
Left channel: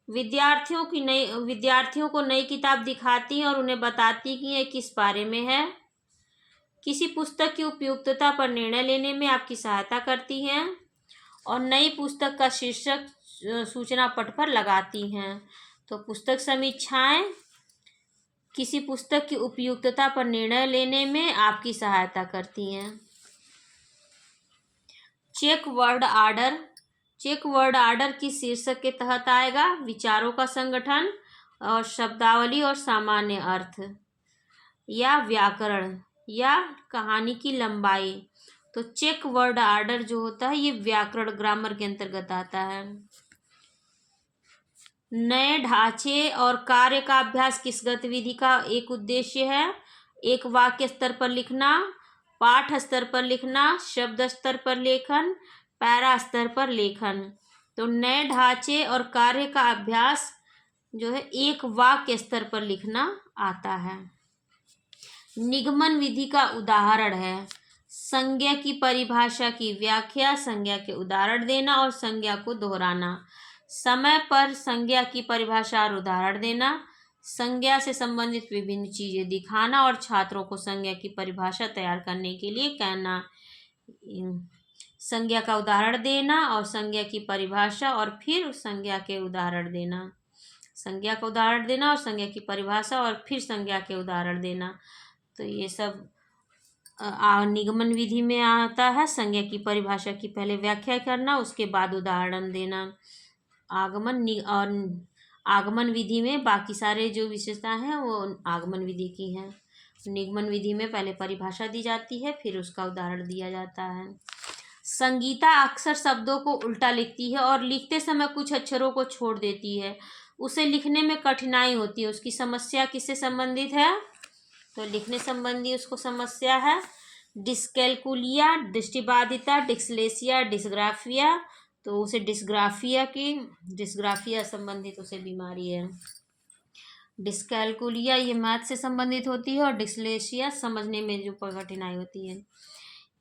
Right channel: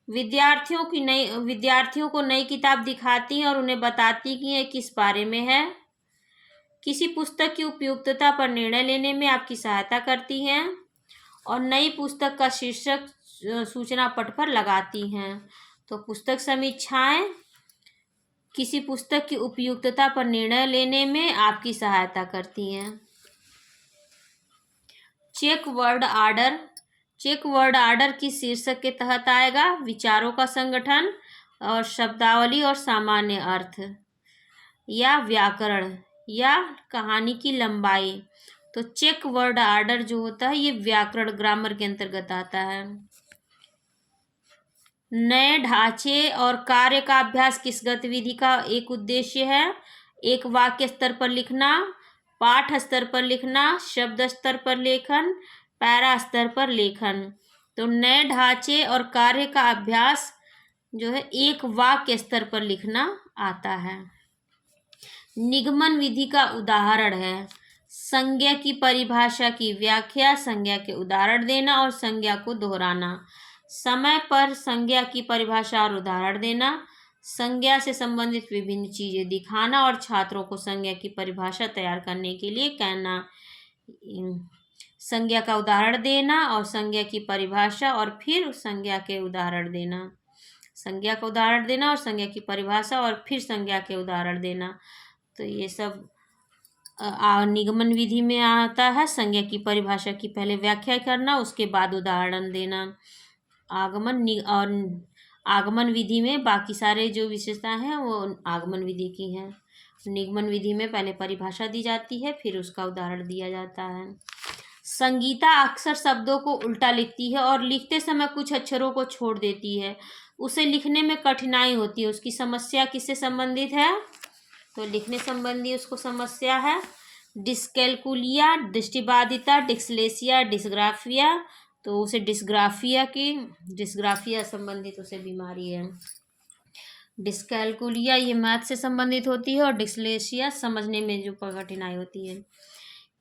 विद्यार्थियों को नई किताब दिखाती हैं और उन्हें बताती कि यह किस बारे में है। किसी पुस्तक की उपयुक्तता पर निर्णय लेने में आपकी सहायता करती हैं, और नई पुस्तक का शीर्षक सूचना पट पर लगाती हैं। तो पुस्तक समीक्षाएं किसी पुस्तक की उपयुक्तता पर निर्णय लेने में आपकी सहायता करती हैं। चेक वर्ड आर्डर किस शीर्षक के तहत आएगा? विचारों का संगठन, और शब्दावली और सामान्य अर्थ, या व्याकरण, या कहानी की लंबाई। तो चेक वर्ड आर्डर जो होता है ये व्याकरण, ग्रामर के अंतर्गत आता है। नए ढांचे और कार्य का अभ्यास किस गतिविधि का एक उद्देश्य है? एक वाक्य स्तर पर लिखना, पाठ स्तर पर लिखना, शब्द स्तर पर लेखन, पैरा स्तर पर लेखन। तो नए ढांचे और कार्य का अभ्यास जो है एक वाक्य स्तर पर लिखना आता है। निगमन विधि का उदाहरण है संज्ञा की परिभाषा की व्याख्या, संज्ञा के उदाहरण देना और संज्ञा को दोहराना। समय पर संज्ञा की परिभाषा और उदाहरण देना, संज्ञा से संबंधित विभिन्न चीजें दिखाना और छात्रों को संज्ञा की परिभाषा तैयार करने के लिए कहना। संज्ञा का उदाहरण देना और संज्ञा की परिभाषा और फिर संज्ञा के उदाहरण देना। संज्ञा का उदाहरण देना और संज्ञा की परिभाषा और फिर संज्ञा के उदाहरण देना। तो ये सब निगमन विधि में आता है। संज्ञा की परिभाषा की पहले व्याख्या करना, उसके बाद उदाहरण देना। आगमन विधि में बाकी सारे जो विशेषताएं हैं वो आगमन विधि की हैं। निगमन विधि में पहले परिभाषा दी जाती है, फिर उसका उदाहरण दिया जाता है। संगीता अक्सर शब्दों को उल्टा लिखती है और लिखते समय कुछ अक्षरों को छोड़ देती है। उसे लिखने में कठिनाई होती है, उसकी समस्या किससे संबंधित है? तो लिखने संबंधी उसको समस्या है। डिस्कैलकुलिया, दृष्टिबाधिता, डिस्लेक्सिया, डिस्ग्राफिया, तो उसे डिस्ग्राफिया संबंधित उसे बीमारी है। डिस्कैलकुलिया ये मैथ से संबंधित होती है और डिस्लेक्सिया समझने में जो कठिनाई होती है।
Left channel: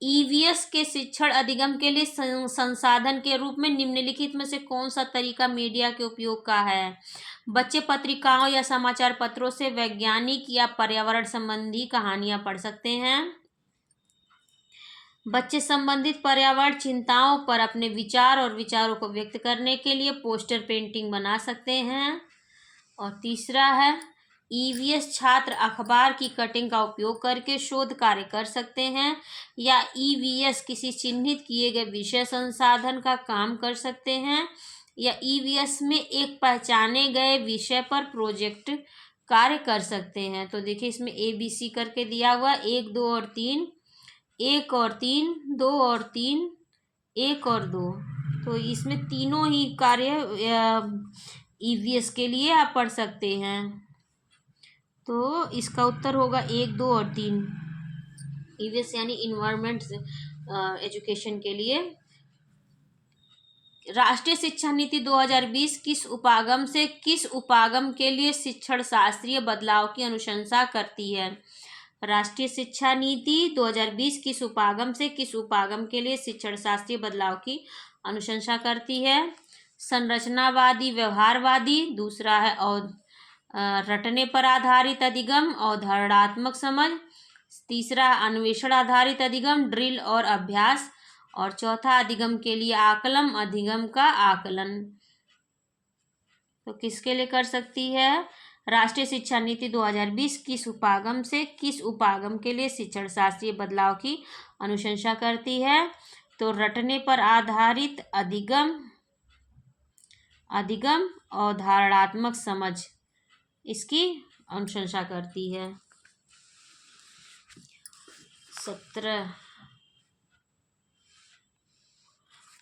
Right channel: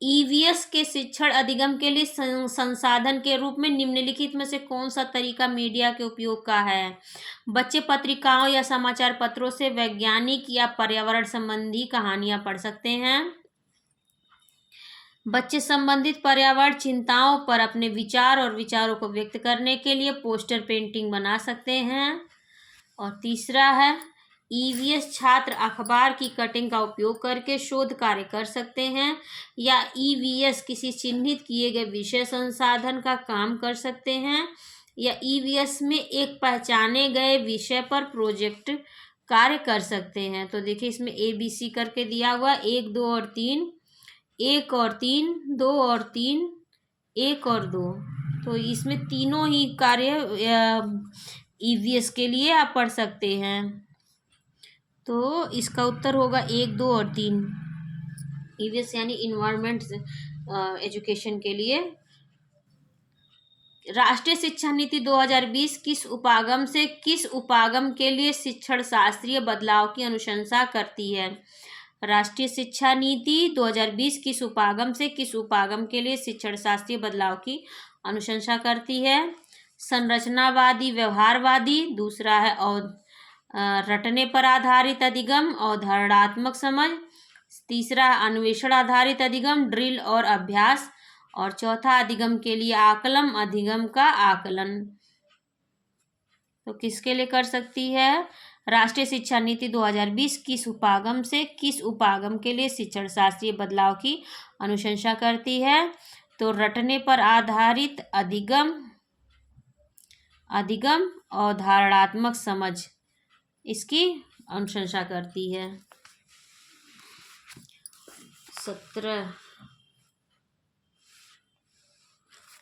ईवीएस के शिक्षण अधिगम के लिए संसाधन के रूप में निम्नलिखित में से कौन सा तरीका मीडिया के उपयोग का है? बच्चे पत्रिकाओं या समाचार पत्रों से वैज्ञानिक या पर्यावरण संबंधी कहानियां पढ़ सकते हैं। बच्चे संबंधित पर्यावरण चिंताओं पर अपने विचार और विचारों को व्यक्त करने के लिए पोस्टर पेंटिंग बना सकते हैं। और तीसरा है, ईवीएस छात्र अखबार की कटिंग का उपयोग करके शोध कार्य कर सकते हैं, या ईवीएस किसी चिन्हित किए गए विषय संसाधन का काम कर सकते हैं, या ईवीएस में एक पहचाने गए विषय पर प्रोजेक्ट कार्य कर सकते हैं। तो देखिए इसमें ABC करके दिया हुआ 1, 2 और 3, 1 और 3, 2 और 3, 1 और 2, तो इसमें तीनों ही कार्य ईवीएस के लिए आप पढ़ सकते हैं। तो इसका उत्तर होगा 1, 2 और 3, ईवीएस यानी इन्वायरमेंट एजुकेशन के लिए। राष्ट्रीय शिक्षा नीति 2020 किस उपागम से किस उपागम के लिए शिक्षण शास्त्रीय बदलाव की अनुशंसा करती है? राष्ट्रीय शिक्षा नीति 2020 किस उपागम से किस उपागम के लिए शिक्षण शास्त्रीय बदलाव की अनुशंसा करती है? संरचनावादी, व्यवहारवादी, दूसरा है और रटने पर आधारित अधिगम, अवधारणात्मक समझ, तीसरा अन्वेषण आधारित अधिगम, ड्रिल और अभ्यास, और चौथा अधिगम के लिए आकलन, अधिगम का आकलन। तो किसके लिए कर सकती है? राष्ट्रीय शिक्षा नीति 2020 किस उपागम से किस उपागम के लिए शिक्षण शास्त्रीय बदलाव की अनुशंसा करती है? तो रटने पर आधारित अधिगम, अवधारणात्मक समझ, इसकी अनुशंसा करती है। 17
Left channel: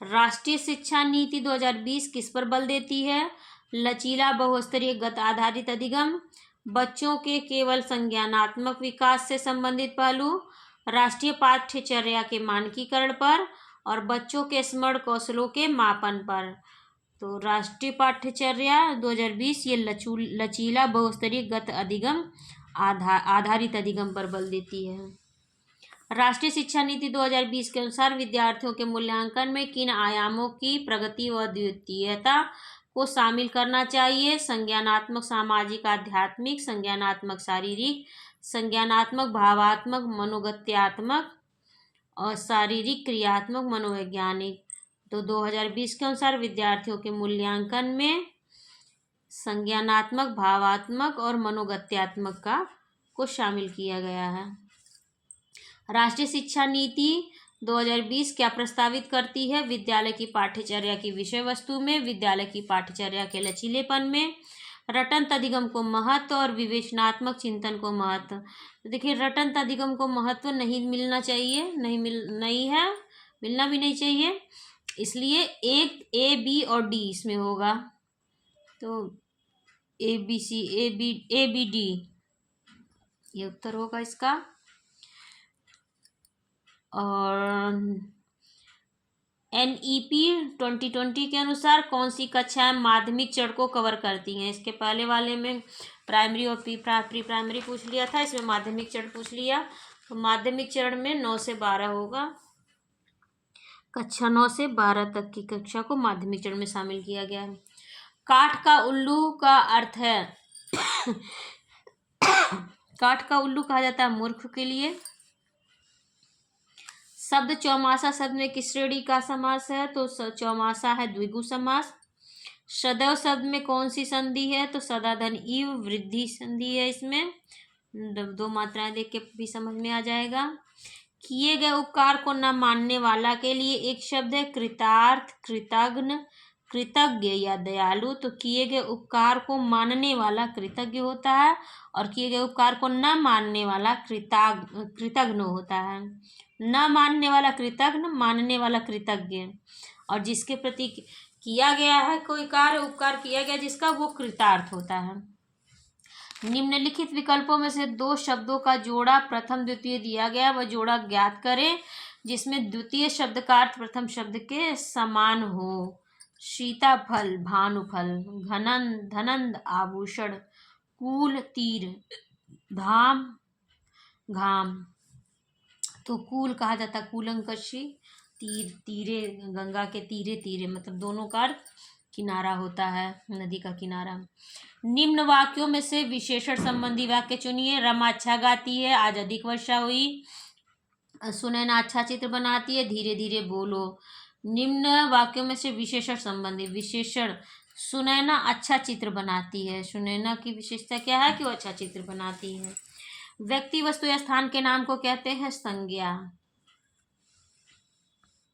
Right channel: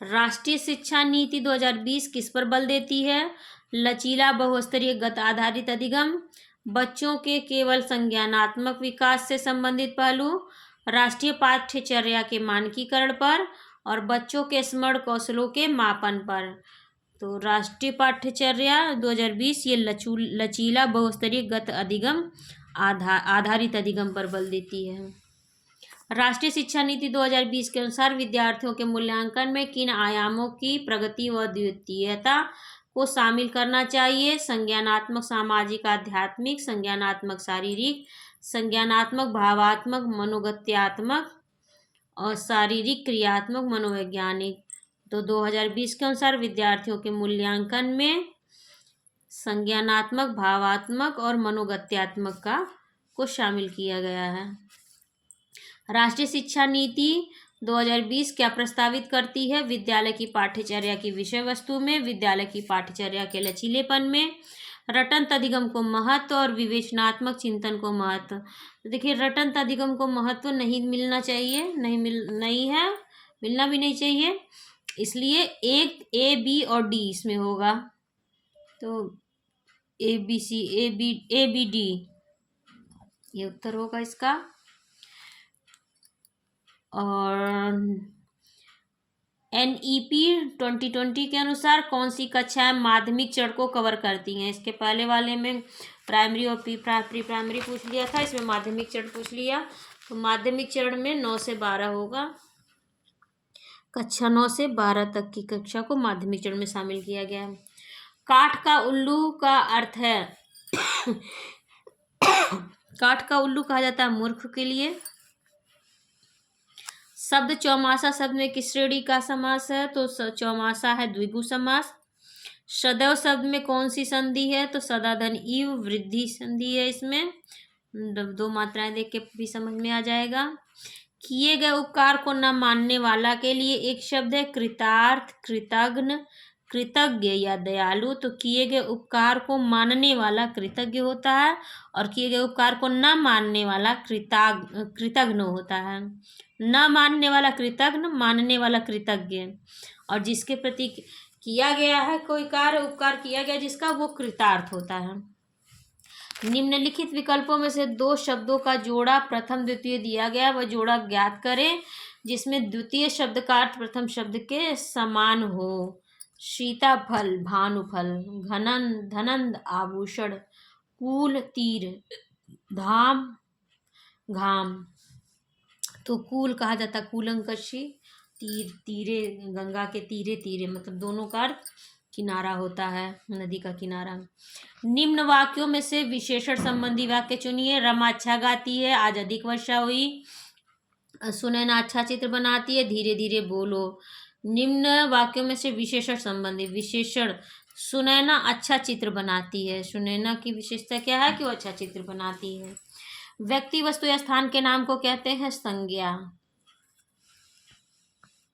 राष्ट्रीय शिक्षा नीति 2020 किस पर बल देती है? लचीला बहुस्तरीय गत आधारित अधिगम, बच्चों के केवल संज्ञानात्मक विकास से संबंधित पहलू, राष्ट्रीय पाठ्यचर्या के मानकीकरण पर, और बच्चों के स्मरण कौशलों के मापन पर। तो राष्ट्रीय पाठ्यचर्या 2020 ये लचीला बहुस्तरीय गत अधिगम आधारित अधिगम पर बल देती है। राष्ट्रीय शिक्षा नीति 2020 के अनुसार विद्यार्थियों के मूल्यांकन में किन आयामों की प्रगति व द्वितीयता को शामिल करना चाहिए? संज्ञानात्मक, सामाजिक, आध्यात्मिक, संज्ञानात्मक शारीरिक, संज्ञानात्मक भावात्मक, मनोगत्यात्मक, और शारीरिक क्रियात्मक मनोवैज्ञानिक। तो 2020 के अनुसार विद्यार्थियों के मूल्यांकन में संज्ञानात्मक, भावात्मक और मनोगत्यात्मक को शामिल किया गया है। राष्ट्रीय शिक्षा नीति 2020 क्या प्रस्तावित करती है? विद्यालय की पाठ्यचर्या की विषय वस्तु में, विद्यालय की पाठ्यचर्या के लचीलेपन में, रटंत अधिगम को महत्व और विवेचनात्मक चिंतन को महत्व। तो देखिए रटंत अधिगम को महत्व नहीं मिलना चाहिए, मिलना भी नहीं चाहिए, इसलिए एक A, B और D इसमें होगा। तो ABD ये उत्तर होगा इसका। और NEP 2020 के अनुसार कौन सी कक्षाएं माध्यमिक चरण को कवर करती हैं? इसके पहले वाले में प्राइमरी और प्री प्राइमरी पूछ लिया था, इसमें माध्यमिक चरण पूछ लिया। तो माध्यमिक चरण में 9 से 12 होगा, कक्षा 9 से 12 तक की कक्षा को माध्यमिक चरण में शामिल किया गया है। काठ का उल्लू का अर्थ है काठ का उल्लू कहा जाता है मूर्ख के लिए। शब्द चौमासा शब्द में किस श्रेणी का समास है? तो चौमासा है द्विगु समास। सदैव शब्द में कौन सी संधि है? तो सदाधन इव वृद्धि संधि है, इसमें 2 मात्राएं देख के भी समझ में आ जाएगा। किए गए उपकार को न मानने वाला के लिए एक शब्द है कृतार्थ, कृतघ्न, कृतज्ञ या दयालु। तो किए गए उपकार को मानने वाला कृतज्ञ होता है, और किए गए उपकार को न मानने वाला कृतघ्न होता है। न मानने वाला कृतघ्न, मानने वाला कृतज्ञ। और जिसके प्रति किया गया है कोई कार्य, उपकार किया गया जिसका, वो कृतार्थ होता है। निम्नलिखित विकल्पों में से दो शब्दों का जोड़ा प्रथम द्वितीय दिया गया, वह जोड़ा ज्ञात करें जिसमें द्वितीय शब्द का अर्थ प्रथम शब्द के समान हो। सीताफल भानुफल, घनंद धनंद आभूषण, कूल तीर, धाम घाम। तो कूल कहा जाता कूलंकषी, तीर तीरे, गंगा के तीरे तीरे, मतलब दोनों का अर्थ किनारा होता है, नदी का किनारा। निम्न वाक्यों में से विशेषण संबंधी वाक्य चुनिए। रमा अच्छा गाती है, आज अधिक वर्षा हुई। सुनैना अच्छा चित्र बनाती है, धीरे धीरे बोलो। निम्न वाक्यों में से विशेषण संबंधी विशेषण, सुनैना अच्छा चित्र बनाती है। सुनैना की विशेषता क्या है कि वो अच्छा चित्र बनाती है। व्यक्ति वस्तु या स्थान के नाम को कहते हैं संज्ञा।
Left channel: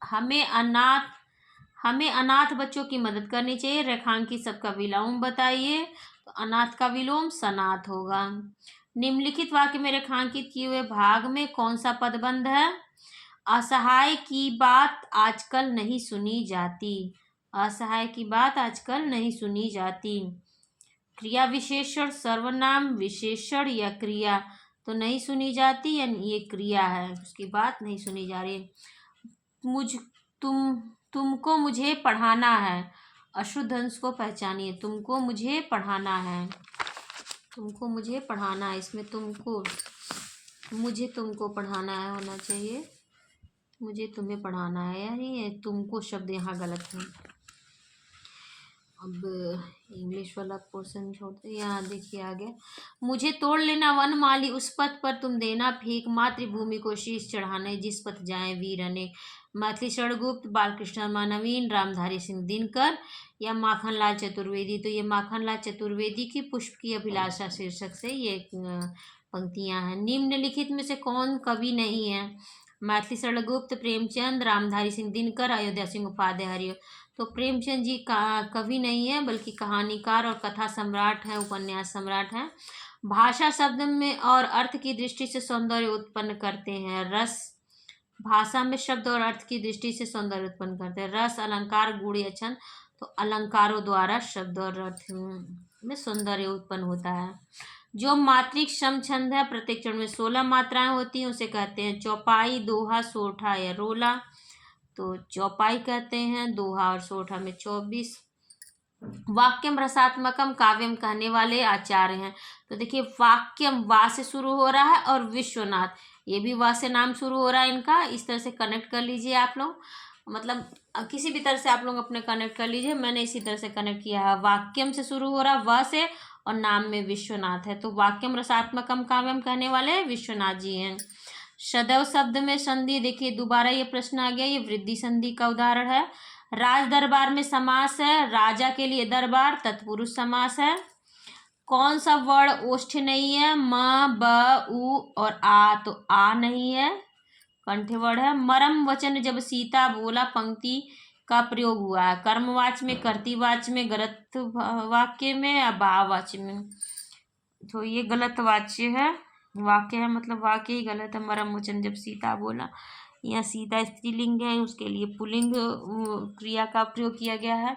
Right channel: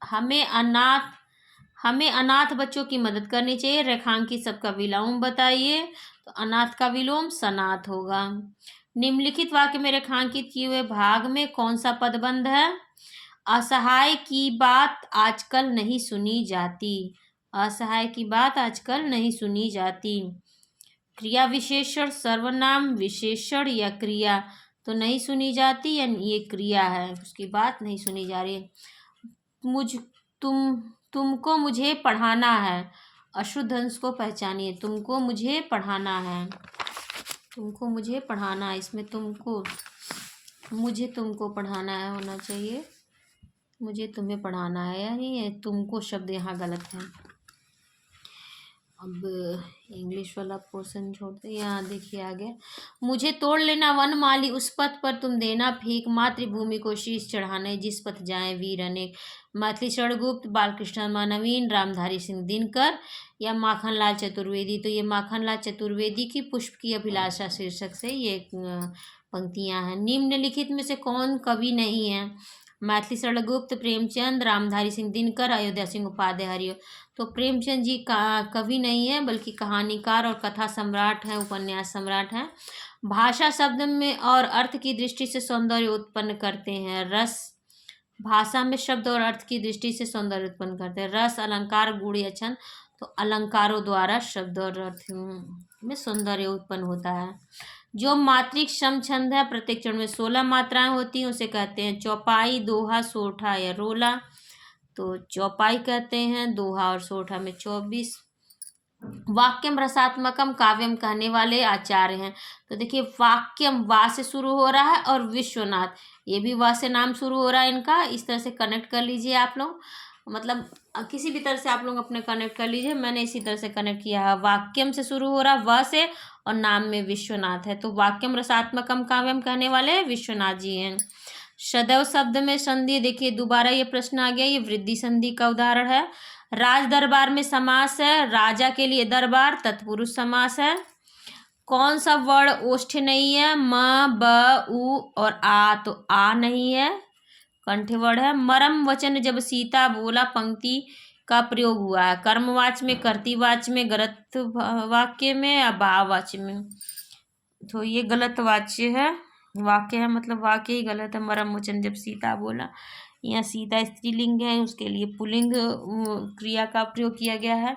हमें अनाथ बच्चों की मदद करनी चाहिए। रेखांकित सबका विलोम बताइए, तो अनाथ का विलोम सनाथ होगा। निम्नलिखित वाक्य में रेखांकित किए हुए भाग में कौन सा पदबंध है? असहाय की बात आजकल नहीं सुनी जाती। असहाय की बात आजकल नहीं सुनी जाती। क्रिया विशेषण, सर्वनाम, विशेषण या क्रिया, तो नहीं सुनी जाती, यानी ये क्रिया है, उसकी बात नहीं सुनी जा रही। तुमको मुझे पढ़ाना है। अशुद्ध अंश को पहचानिए। तुमको मुझे पढ़ाना है, तुमको मुझे पढ़ाना है, इसमें तुमको, मुझे तुमको पढ़ाना है होना चाहिए, मुझे तुम्हें पढ़ाना है, यानी ये तुमको शब्द यहाँ गलत है। अब इंग्लिश वाला पोर्शन छोड़ते, यहाँ देखिए आगे। मुझे तोड़ लेना वन माली, उस पथ पर तुम देना फेंक, मातृभूमि को शीश चढ़ाने जिस पथ जाए वीर अनेक। मैथिली शरणगुप्त, बालकृष्ण नवीन, रामधारी सिंह दिनकर या माखनलाल चतुर्वेदी। तो ये माखनलाल चतुर्वेदी की पुष्प की अभिलाषा शीर्षक से ये पंक्तियाँ हैं। निम्नलिखित में से कौन कवि नहीं है? मैथिली शरणगुप्त, प्रेमचंद, रामधारी सिंह दिनकर, अयोध्या सिंह उपाध्याय। तो प्रेमचंद जी का कवि नहीं है, बल्कि कहानीकार और कथा सम्राट हैं, उपन्यास सम्राट हैं। भाषा शब्द में और अर्थ की दृष्टि से सौंदर्य उत्पन्न करते हैं। रस, भाषा में शब्द और अर्थ की दृष्टि से सौंदर्य उत्पन्न करते हैं। रस, अलंकार, गुण या छंद, तो अलंकारों द्वारा शब्द और अर्थ में सौंदर्य उत्पन्न होता है। जो मात्रिक सम छंद है, प्रत्येक चरण में 16 मात्राएं होती हैं, उसे कहते हैं चौपाई, दोहा, सोठा या रोला। तो चौपाई कहते हैं, दोहा और सोठा में 24। वाक्यम रसात्मकम काव्यम कहने वाले आचार्य हैं। तो देखिए वाक्यम वा से शुरू हो रहा है और विश्वनाथ, ये भी वा से नाम शुरू हो रहा है इनका। इस तरह से कनेक्ट कर लीजिए आप लोग, मतलब किसी भी तरह से आप लोग अपने कनेक्ट कर लीजिए। मैंने इसी तरह से कनेक्ट किया है, वाक्यम से शुरू हो रहा है व से, और नाम में विश्वनाथ है। तो वाक्यम रसात्मकम काव्यम कहने वाले विश्वनाथ जी हैं। सदैव शब्द में संधि, देखिए दोबारा ये प्रश्न आ गया, ये वृद्धि संधि का उदाहरण है। राज दरबार में समास है, राजा के लिए दरबार तत्पुरुष समास है। कौन सा वर्ण ओष्ठ नहीं है? म, ब, उ और आ, तो आ नहीं है, कंठ्य वर्ण है। मरम वचन जब सीता बोला पंक्ति का प्रयोग हुआ है, कर्मवाच्य में, कर्तृवाच्य में, गलत वाक्य में या भाववाच्य में। तो ये गलत वाच्य है, वाक्य है, मतलब वाक्य ही गलत है। मरम वचन जब सीता बोला, यहाँ सीता स्त्रीलिंग है, उसके लिए पुल्लिंग क्रिया का प्रयोग किया गया है।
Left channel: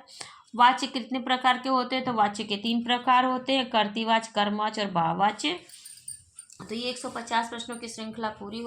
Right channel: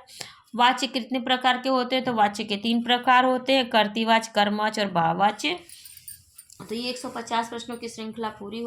वाच्य कितने प्रकार के होते हैं? तो वाच्य के 3 प्रकार होते हैं, कर्तृवाच्य, कर्मवाच्य और भाववाच्य। तो ये 150 प्रश्नों की श्रृंखला पूरी हो